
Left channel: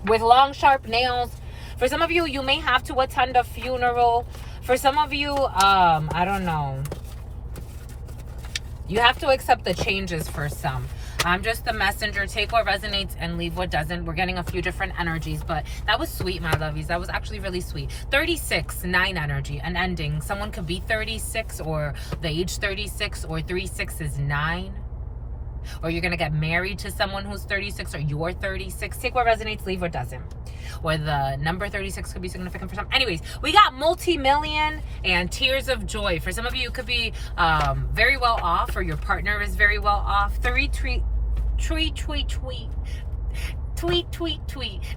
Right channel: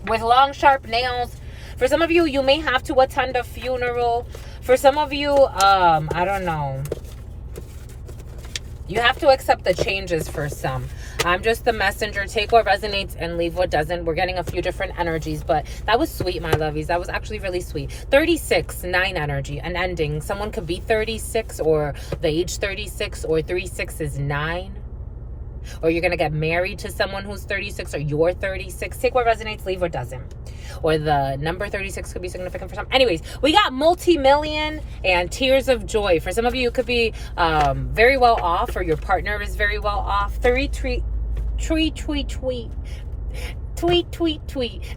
with long, sharp nails. For some of you, you may have to attend a funeral. For some of you, I don't know. You have to accept the changes for some. I'm just the messenger. Take what resonates and leave what doesn't. We're getting a few different energies, but that was sweet, my lovies. That was actually really sweet. 36, 9 energy, an ending. Someone could be 36 or the age 36, or 36 is 9. Or you're going to get married to someone who's 36, or you're 36. Take what resonates, leave what doesn't. Or the number 36 could be significant for some. Anyways, we got multi-million and tears of joy. For some of you, it could be very well off, or your partner is very well off. Tweet.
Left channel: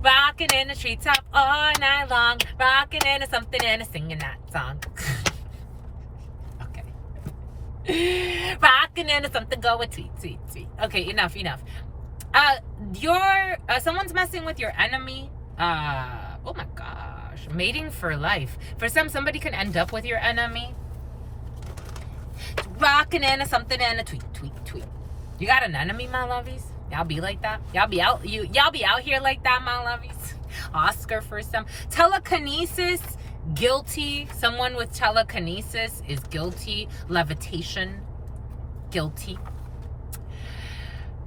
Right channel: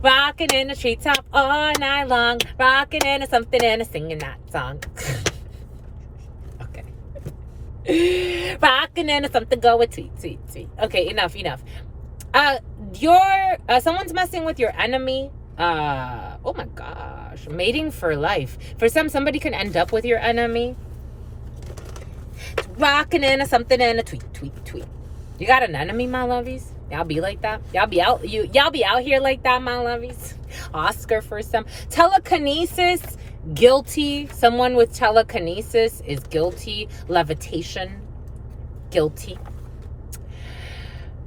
Rocking in the treetop all night long. Rocking into something and singing that song. Okay. Rocking into something, go with tweet. Okay, enough. Someone's messing with your enemy. Oh my gosh. Mating for life. For somebody can end up with your enemy. Rocking into something and a tweet. You got an enemy, my lovies? Y'all be like that? Y'all be out here like that, my lovies? Oscar for some. Telekinesis, guilty. Someone with telekinesis is guilty. Levitation, guilty.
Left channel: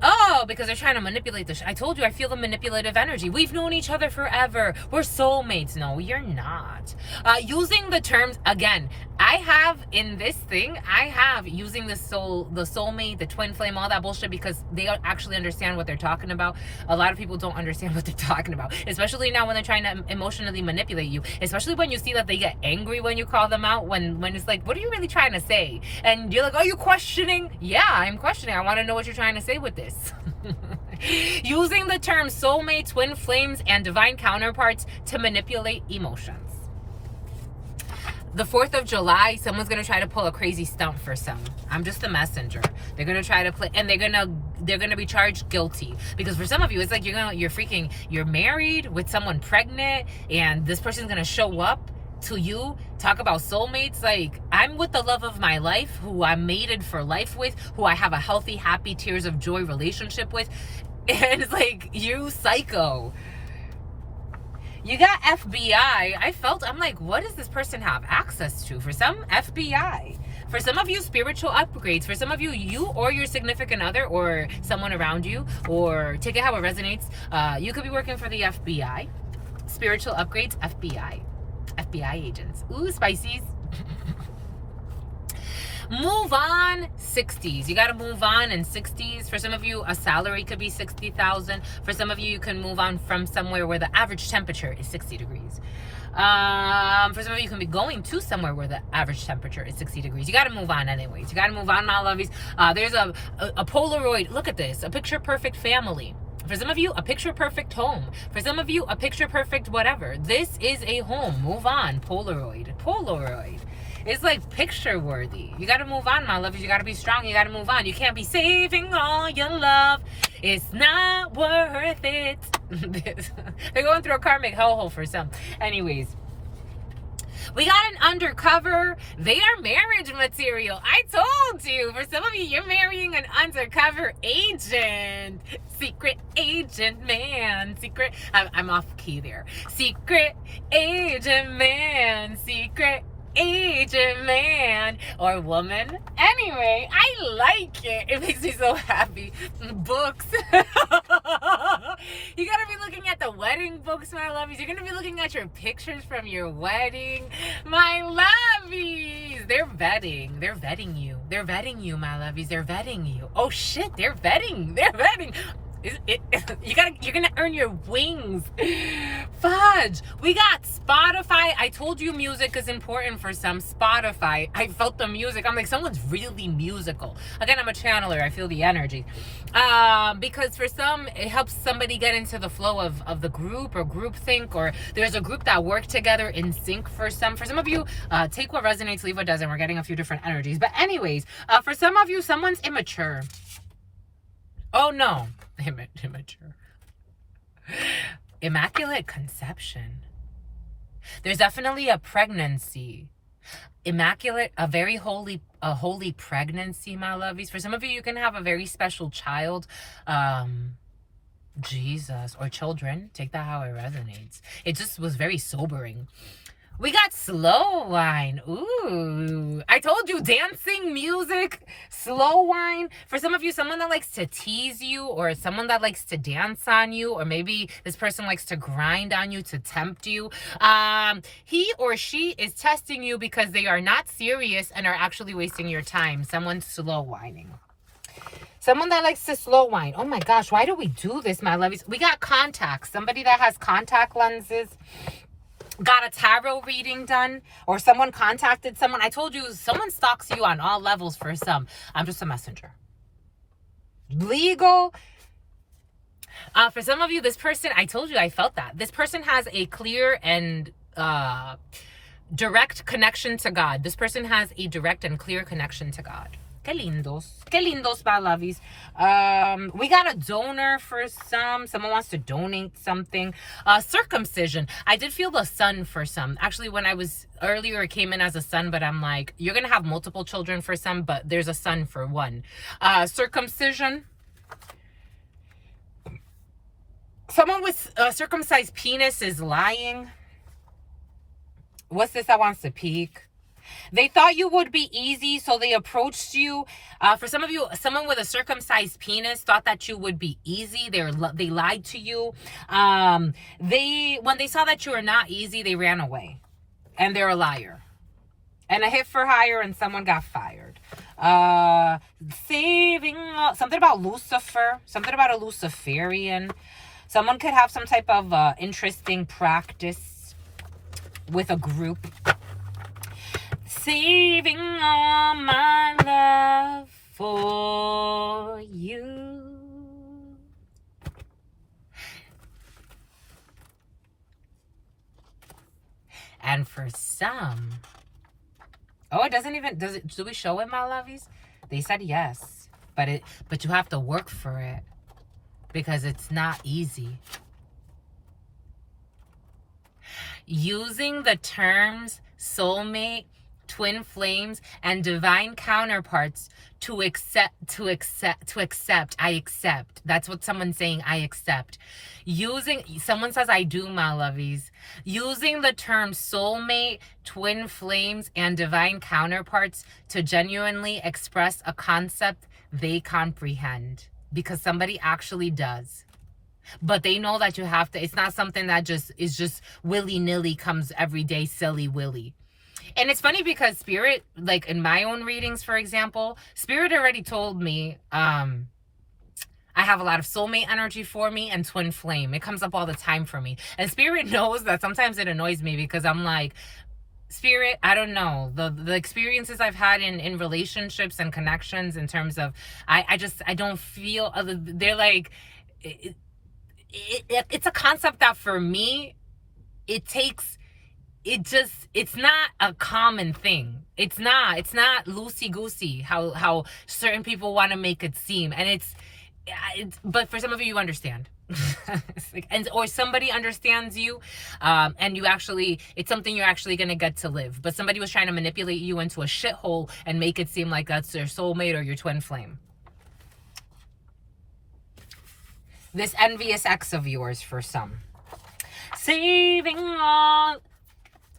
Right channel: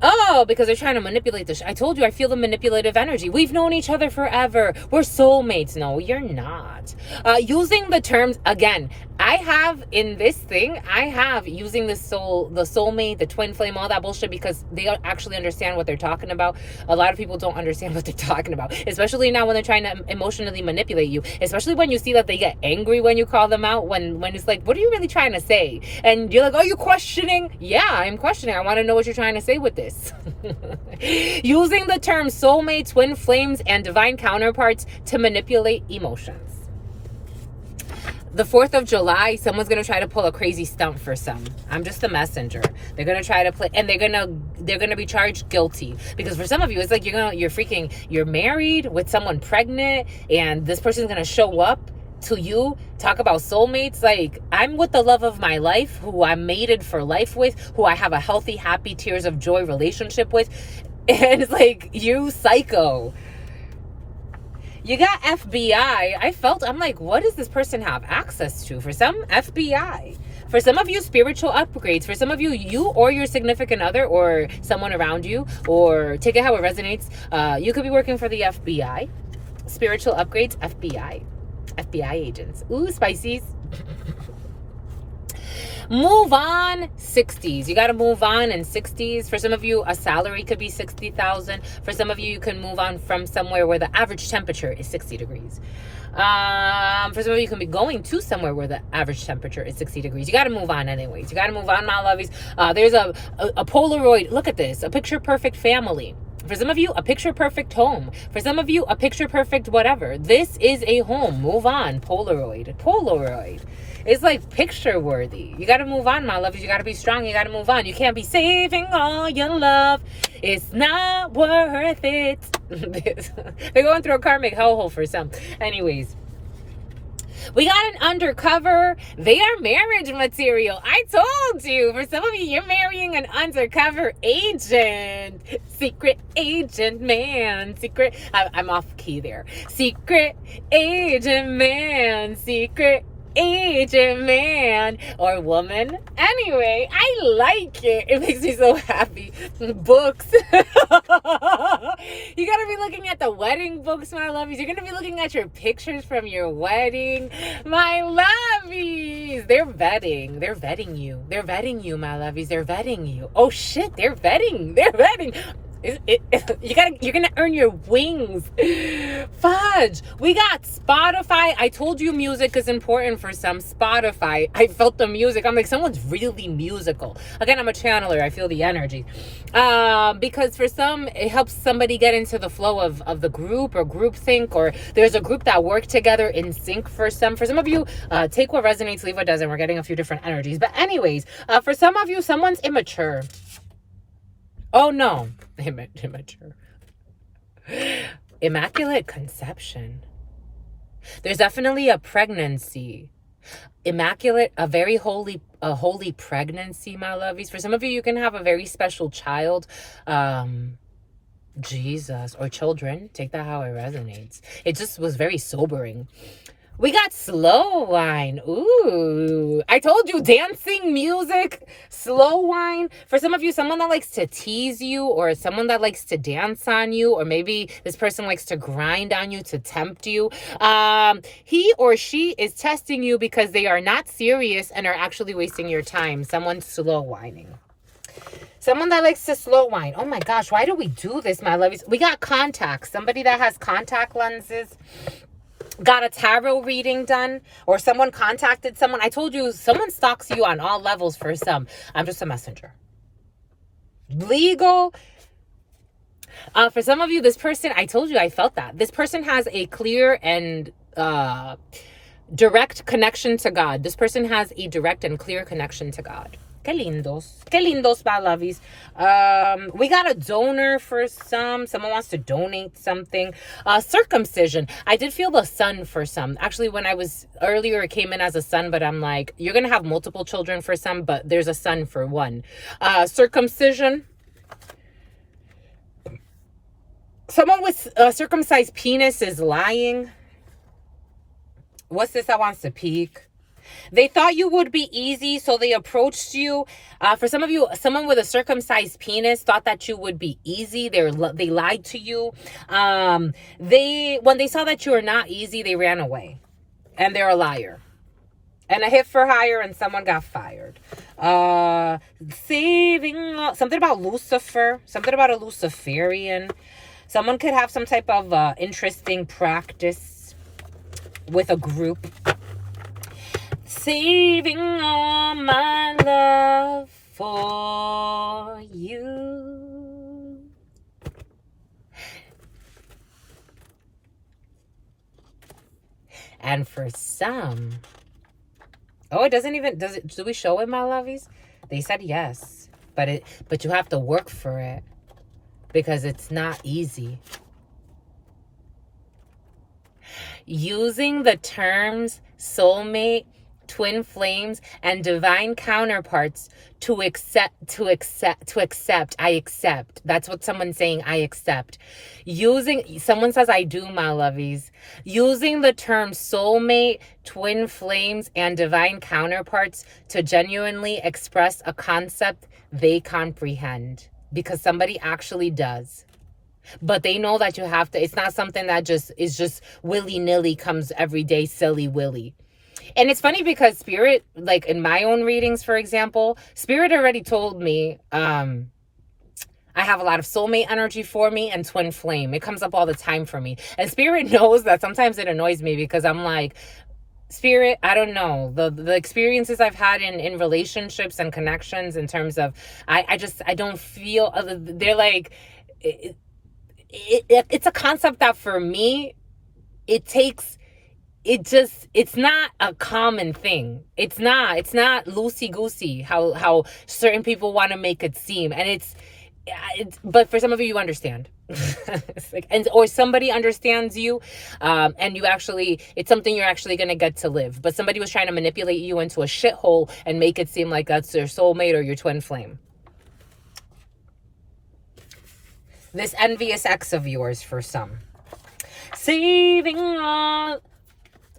Oh, because they're trying to manipulate this. I told you, I feel the manipulative energy. We've known each other forever. We're soulmates. No, you're not. Using the terms, again, I have in this thing, using the soulmate, the twin flame, all that bullshit, because they don't actually understand what they're talking about. A lot of people don't understand what they're talking about, especially now when they're trying to emotionally manipulate you, especially when you see that they get angry when you call them out, when it's like, what are you really trying to say? And you're like, oh, you're questioning? Yeah, I'm questioning. I want to know what you're trying to say with this. Using the terms soulmate, twin flames, and divine counterparts to manipulate emotions. The 4th of July, someone's going to try to pull a crazy stunt for some. I'm just the messenger. They're going to try to play, and they're going to be charged guilty, because for some of you, it's like you're married with someone pregnant, and this person's going to show up to you, talk about soulmates. Like, I'm with the love of my life, who I'm mated for life with, who I have a healthy, happy, tears of joy relationship with. And it's like, you psycho. You got FBI. I'm like, what does this person have access to? For some, FBI. For some of you, spiritual upgrades. For some of you, you or your significant other or someone around you, or take it how it resonates. You could be working for the FBI. Spiritual upgrades, FBI agents. Ooh, spices. Move on, 60s. You got to move on in 60s. For some of you, a salary could be 60,000. For some of you, you can move on from somewhere where the average temperature is 60 degrees. For some of you, you can be going to somewhere where the average temperature is 60 degrees. You got to move on anyways. You got to move on, my lovies. There's a Polaroid. Look at this. A picture perfect family. For some of you, a picture perfect home. For some of you, a picture perfect whatever. This is a home. Move on. Polaroid. It's like picture worthy. You got to move on, my lovies. You got to be strong. You got to move on. You can't be saving all your love. It's not worth it. They're going through a karmic hellhole for some. Anyways. We got an undercover. They are marriage material. I told you. For some of you, you're marrying an undercover agent. Secret agent man. Secret. I'm off key there. Secret agent man. Secret agent man or woman. Anyway, I like it. It makes me so happy. Books. You gotta be looking at the wedding books, my lovies. You're gonna be looking at your pictures from your wedding, my lovies. They're vetting. They're vetting you. They're vetting you, my lovies. They're vetting you. Oh shit, they're vetting. They're vetting. You're gonna earn your wings. Fudge. We got Spotify. I told you music is important for some. Spotify. I felt the music. I'm like, someone's really musical. Again, I'm a channeler. I feel the energy. Because for some, it helps somebody get into the flow of the group or group think, or there's a group that work together in sync for some. For some of you, take what resonates, leave what doesn't. We're getting a few different energies. But anyways, for some of you, someone's immature. Oh no. Immature. Immaculate conception. There's definitely a pregnancy. Immaculate, a very holy pregnancy, my lovies. For some of you, you can have a very special child. Jesus, or children. Take that how it resonates. It just was very sobering. We got slow wine. Ooh. I told you, dancing music, slow wine. For some of you, someone that likes to tease you, or someone that likes to dance on you, or maybe this person likes to grind on you to tempt you. He or she is testing you because they are not serious and are actually wasting your time. Someone's slow whining. Someone that likes to slow wine. Oh my gosh, why do we do this, my lovies? We got contacts. Somebody that has contact lenses. Got a tarot reading done, or someone contacted someone. I told you, someone stalks you on all levels for some. I'm just a messenger. Legal. For some of you, this person, I told you, I felt that. This person has a clear and direct connection to God. This person has a direct and clear connection to God. Que lindos. Que lindos, my lovies. We got a donor for some. Someone wants to donate something. Circumcision. I did feel the sun for some. Actually, when I was earlier, it came in as a son, but I'm like, you're going to have multiple children for some, but there's a son for one. Circumcision. Someone with a circumcised penis is lying. What's this that wants to peek? They thought you would be easy, so they approached you. For some of you, someone with a circumcised penis thought that you would be easy. They lied to you. When they saw that you were not easy, they ran away. And they're a liar. And a hit for hire, and someone got fired. Something about Lucifer. Something about a Luciferian. Someone could have some type of interesting practice with a group. Saving all my love for you. And for some, do we show it, my lovies? They said yes, but you have to work for it because it's not easy. Using the terms soulmate, twin flames, and divine counterparts to accept. I accept. That's what someone's saying. I accept. Someone says I do, my lovies. Using the term soulmate, twin flames, and divine counterparts to genuinely express a concept they comprehend, because somebody actually does. But they know that you have to, it's not something that is just willy-nilly comes every day, silly willy. And it's funny because Spirit, like in my own readings, for example, Spirit already told me I have a lot of soulmate energy for me and twin flame. It comes up all the time for me. And Spirit knows that sometimes it annoys me because I'm like, Spirit, I don't know. The experiences I've had in relationships and connections in terms of, I don't feel, they're like, it's a concept that for me, it takes it's not a common thing. It's not loosey goosey how certain people want to make it seem. And but for some of you, you understand. It's like, or somebody understands you, and it's something you're actually gonna get to live. But somebody was trying to manipulate you into a shithole and make it seem like that's your soulmate or your twin flame. This envious ex of yours, for some. Saving all.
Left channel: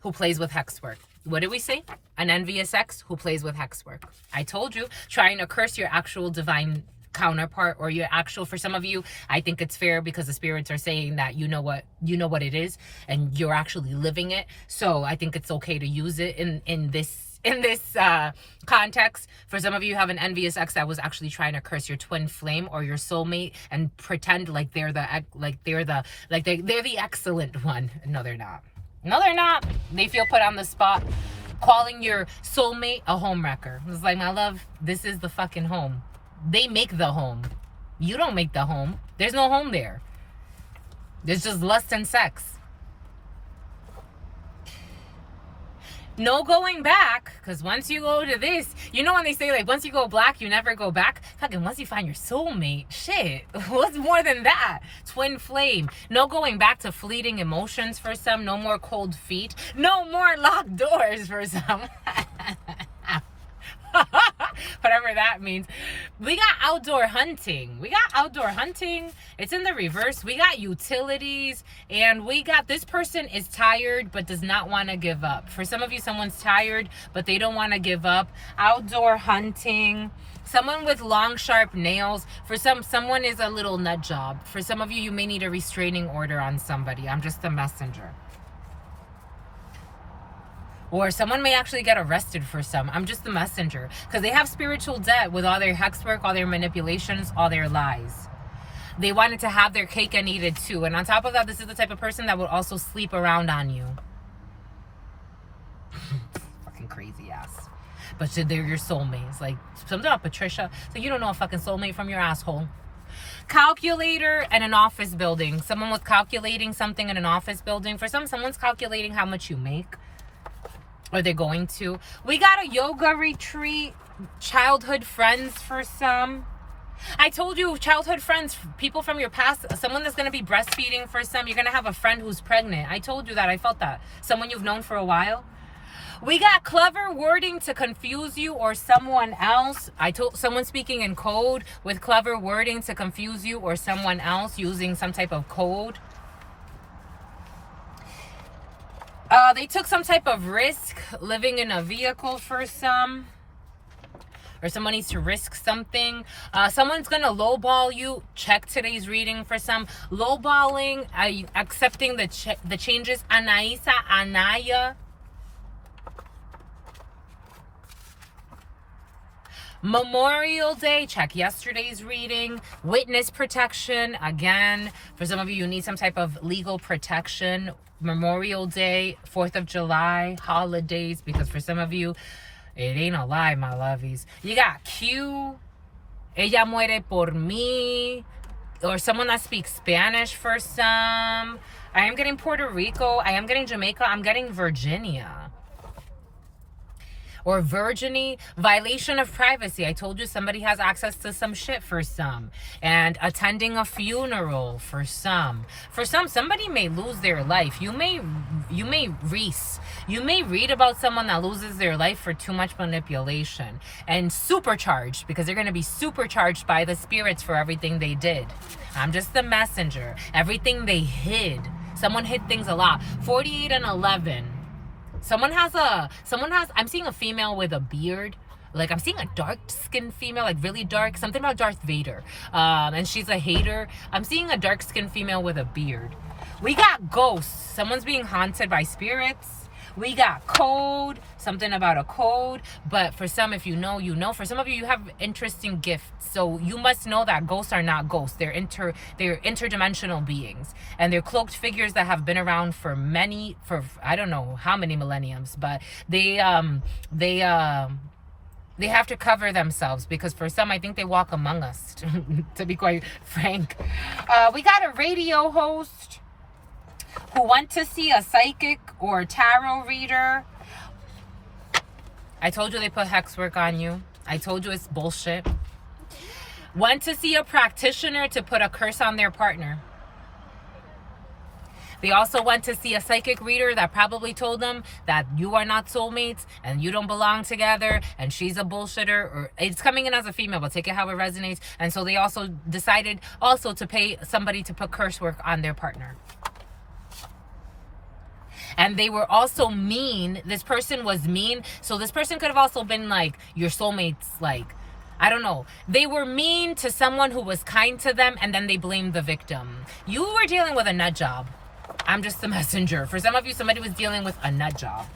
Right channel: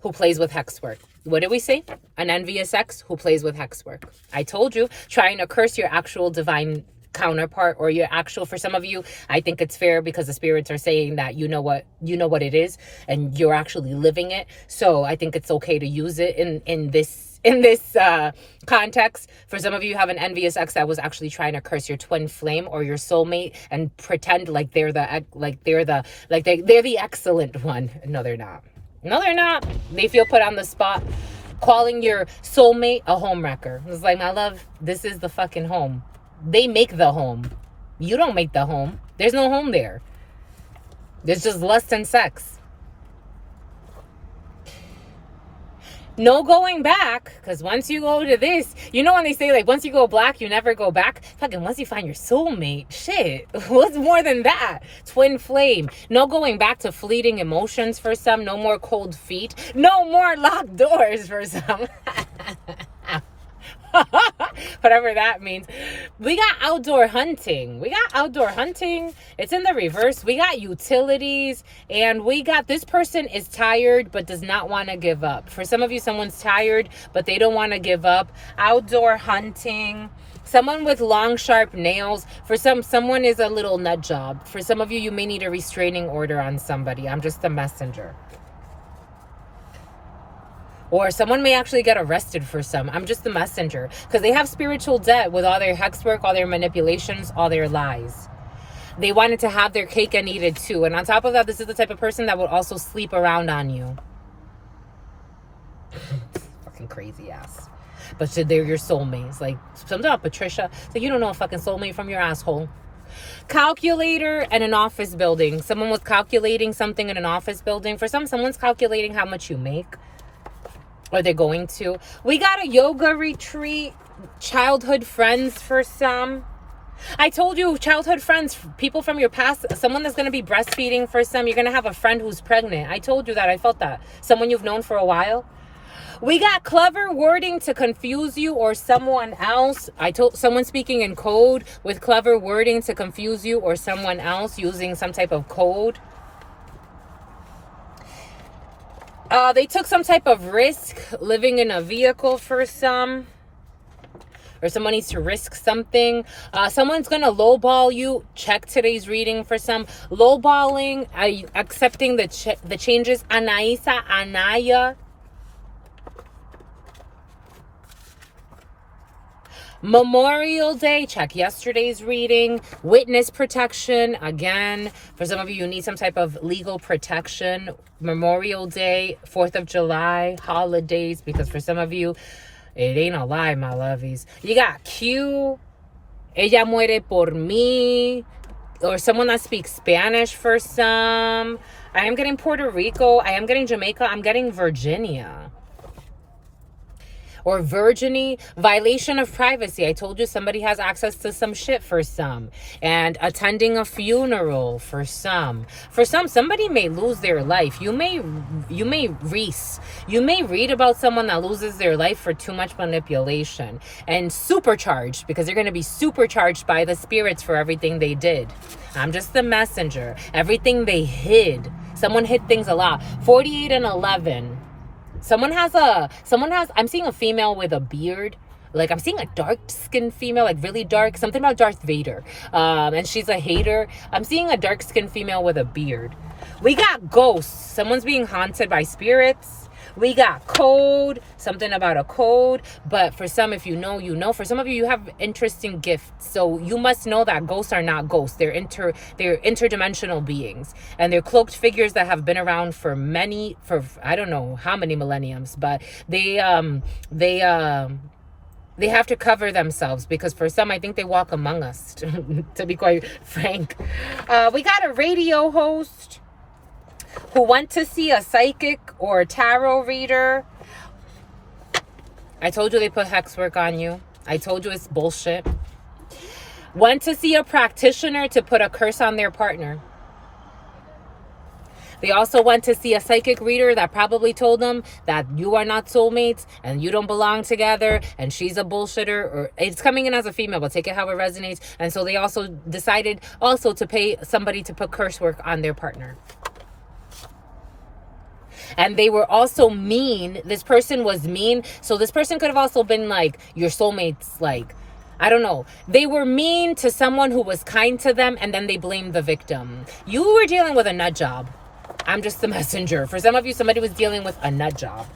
Who plays with hex work. What did we say? An envious ex who plays with hex work. I told you, trying to curse your actual divine counterpart, or your actual, for some of you, I think it's fair because the spirits are saying that you know what it is and you're actually living it. So I think it's okay to use it in this context. For some of you, have an envious ex that was actually trying to curse your twin flame or your soulmate and pretend like they're the excellent one. No, they're not. No, they're not. They feel put on the spot, calling your soulmate a home wrecker. It's like, my love, this is the fucking home. They make the home. You don't make the home. There's no home there. There's just lust and sex. No going back, because once you go to this, you know when they say, like, once you go black, you never go back? Fucking once you find your soulmate, shit, what's more than that? Twin flame. No going back to fleeting emotions for some. No more cold feet. No more locked doors for some. Whatever that means. We got outdoor hunting. It's in the reverse. We got utilities, and we got this person is tired but does not want to give up. For some of you, someone's tired but they don't want to give up. Outdoor hunting. Someone with long, sharp nails. For someone is a little nut job. For some of you, you may need a restraining order on somebody. I'm just the messenger. Or someone may actually get arrested for some. I'm just the messenger. Because they have spiritual debt with all their hex work, all their manipulations, all their lies. They wanted to have their cake and eat it too. And on top of that, this is the type of person that would also sleep around on you. Fucking crazy ass. But they're your soulmates. Like, something about Patricia. So you don't know a fucking soulmate from your asshole. Calculator and an office building. Someone was calculating something in an office building. For someone's calculating how much you make. Or they're going to. We got a yoga retreat. Childhood friends for some. I told you, childhood friends, people from your past, someone that's going to be breastfeeding for some. You're going to have a friend who's pregnant. I told you that. I felt that. Someone you've known for a while. We got clever wording to confuse you or someone else. I told someone speaking in code with clever wording to confuse you or someone else using some type of code. They took some type of risk living in a vehicle for some. Or someone needs to risk something. Someone's going to lowball you. Check today's reading for some. Lowballing, accepting the changes. Anaisa, Anaya. Memorial Day, check yesterday's reading. Witness protection, again, for some of you, you need some type of legal protection. Memorial Day, 4th of July, holidays, because for some of you, it ain't a lie, my lovies. You got Q, Ella muere por mí, or someone that speaks Spanish for some. I am getting Puerto Rico, I am getting Jamaica, I'm getting Virginia. Or virginity, violation of privacy. I told you somebody has access to some shit for some. And attending a funeral for some. For some, somebody may lose their life. You may read about someone that loses their life for too much manipulation. And supercharged, because they're going to be supercharged by the spirits for everything they did. I'm just the messenger. Everything they hid. Someone hid things a lot. 48 and 11. I'm seeing a female with a beard. Like, I'm seeing a dark-skinned female, like really dark. Something about Darth Vader. And she's a hater. I'm seeing a dark-skinned female with a beard. We got ghosts. Someone's being haunted by spirits. We got code. Something about a code. But for some, if you know, you know. For some of you, you have interesting gifts. So you must know that ghosts are not ghosts. They're interdimensional beings. And they're cloaked figures that have been around for I don't know how many millenniums. But they have to cover themselves, because for some, I think they walk among us, to be quite frank. We got a radio host. who went to see a psychic or a tarot reader, I told you they put hex work on you. I told you it's bullshit. Went to see a practitioner to put a curse on their partner. They also went to see a psychic reader that probably told them that you are not soulmates and you don't belong together and she's a bullshitter, or it's coming in as a female, but take it how it resonates. And so they also decided also to pay somebody to put curse work on their partner. And they were also mean. This person was mean. So this person could have also been like your soulmates, like, I don't know. They were mean to someone who was kind to them, and then they blamed the victim. You were dealing with a nut job. I'm just the messenger. For some of you, somebody was dealing with a nut job.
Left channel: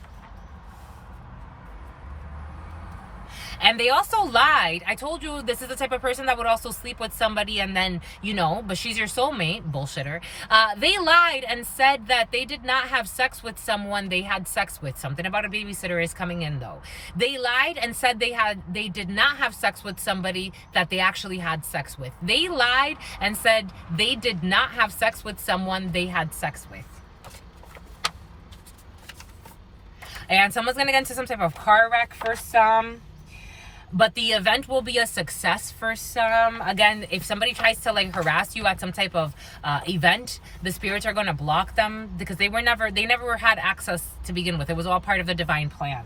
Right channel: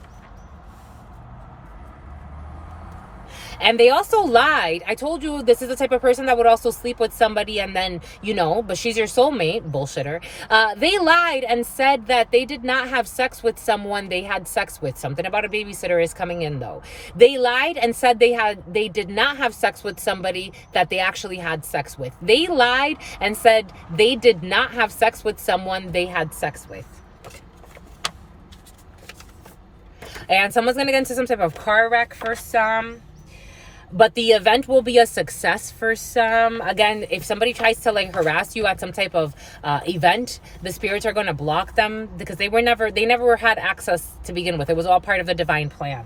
And they also lied. I told you this is the type of person that would also sleep with somebody and then, you know, but she's your soulmate. Bullshitter. They lied and said that they did not have sex with someone they had sex with. Something about a babysitter is coming in though. They lied and said they did not have sex with somebody that they actually had sex with. They lied and said they did not have sex with someone they had sex with. And someone's going to get into some type of car wreck for some. But the event will be a success for some. Again, if somebody tries to like harass you at some type of event, the spirits are going to block them because they never had access to begin with. It was all part of the divine plan.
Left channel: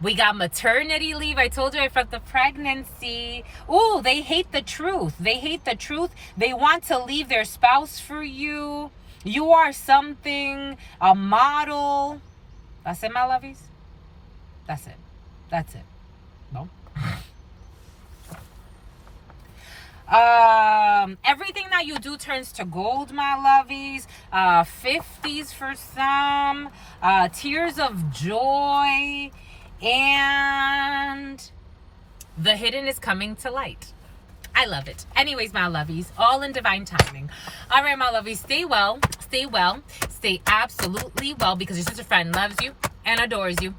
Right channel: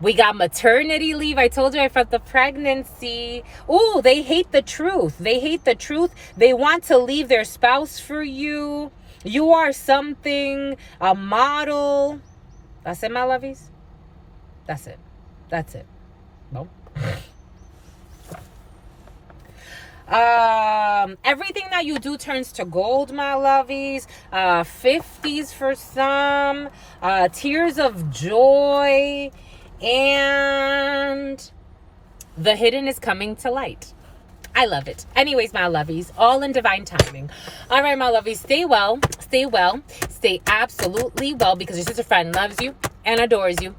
We got maternity leave. I told you I felt the pregnancy. Oh, they hate the truth. They hate the truth. They want to leave their spouse for you. You are something, a model. That's it, my lovies. That's it. That's it. No. Everything that you do turns to gold, my lovies. 50s for some, tears of joy, and the hidden is coming to light. I love it. Anyways, my lovies, all in divine timing. All right, my lovies, stay well, stay absolutely well, because your sister friend loves you and adores you.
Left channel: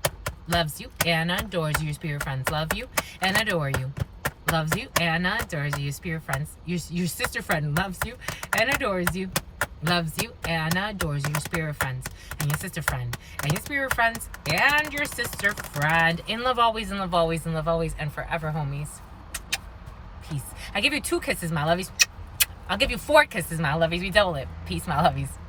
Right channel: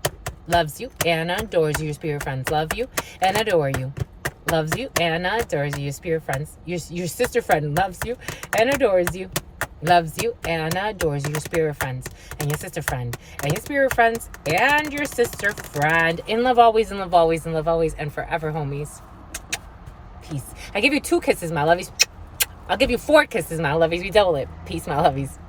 Loves you and adores you. Your spirit friends love you and adore you. Loves you and adores you. Your spirit friends, your sister friend loves you and adores you. Loves you and adores you. Your spirit friends and your sister friend and your spirit friends and your sister friend. In love always, in love always, in love always, and forever, homies. Peace. I give you 2 kisses, my lovies. I'll give you 4 kisses, my lovies. We double it. Peace, my lovies.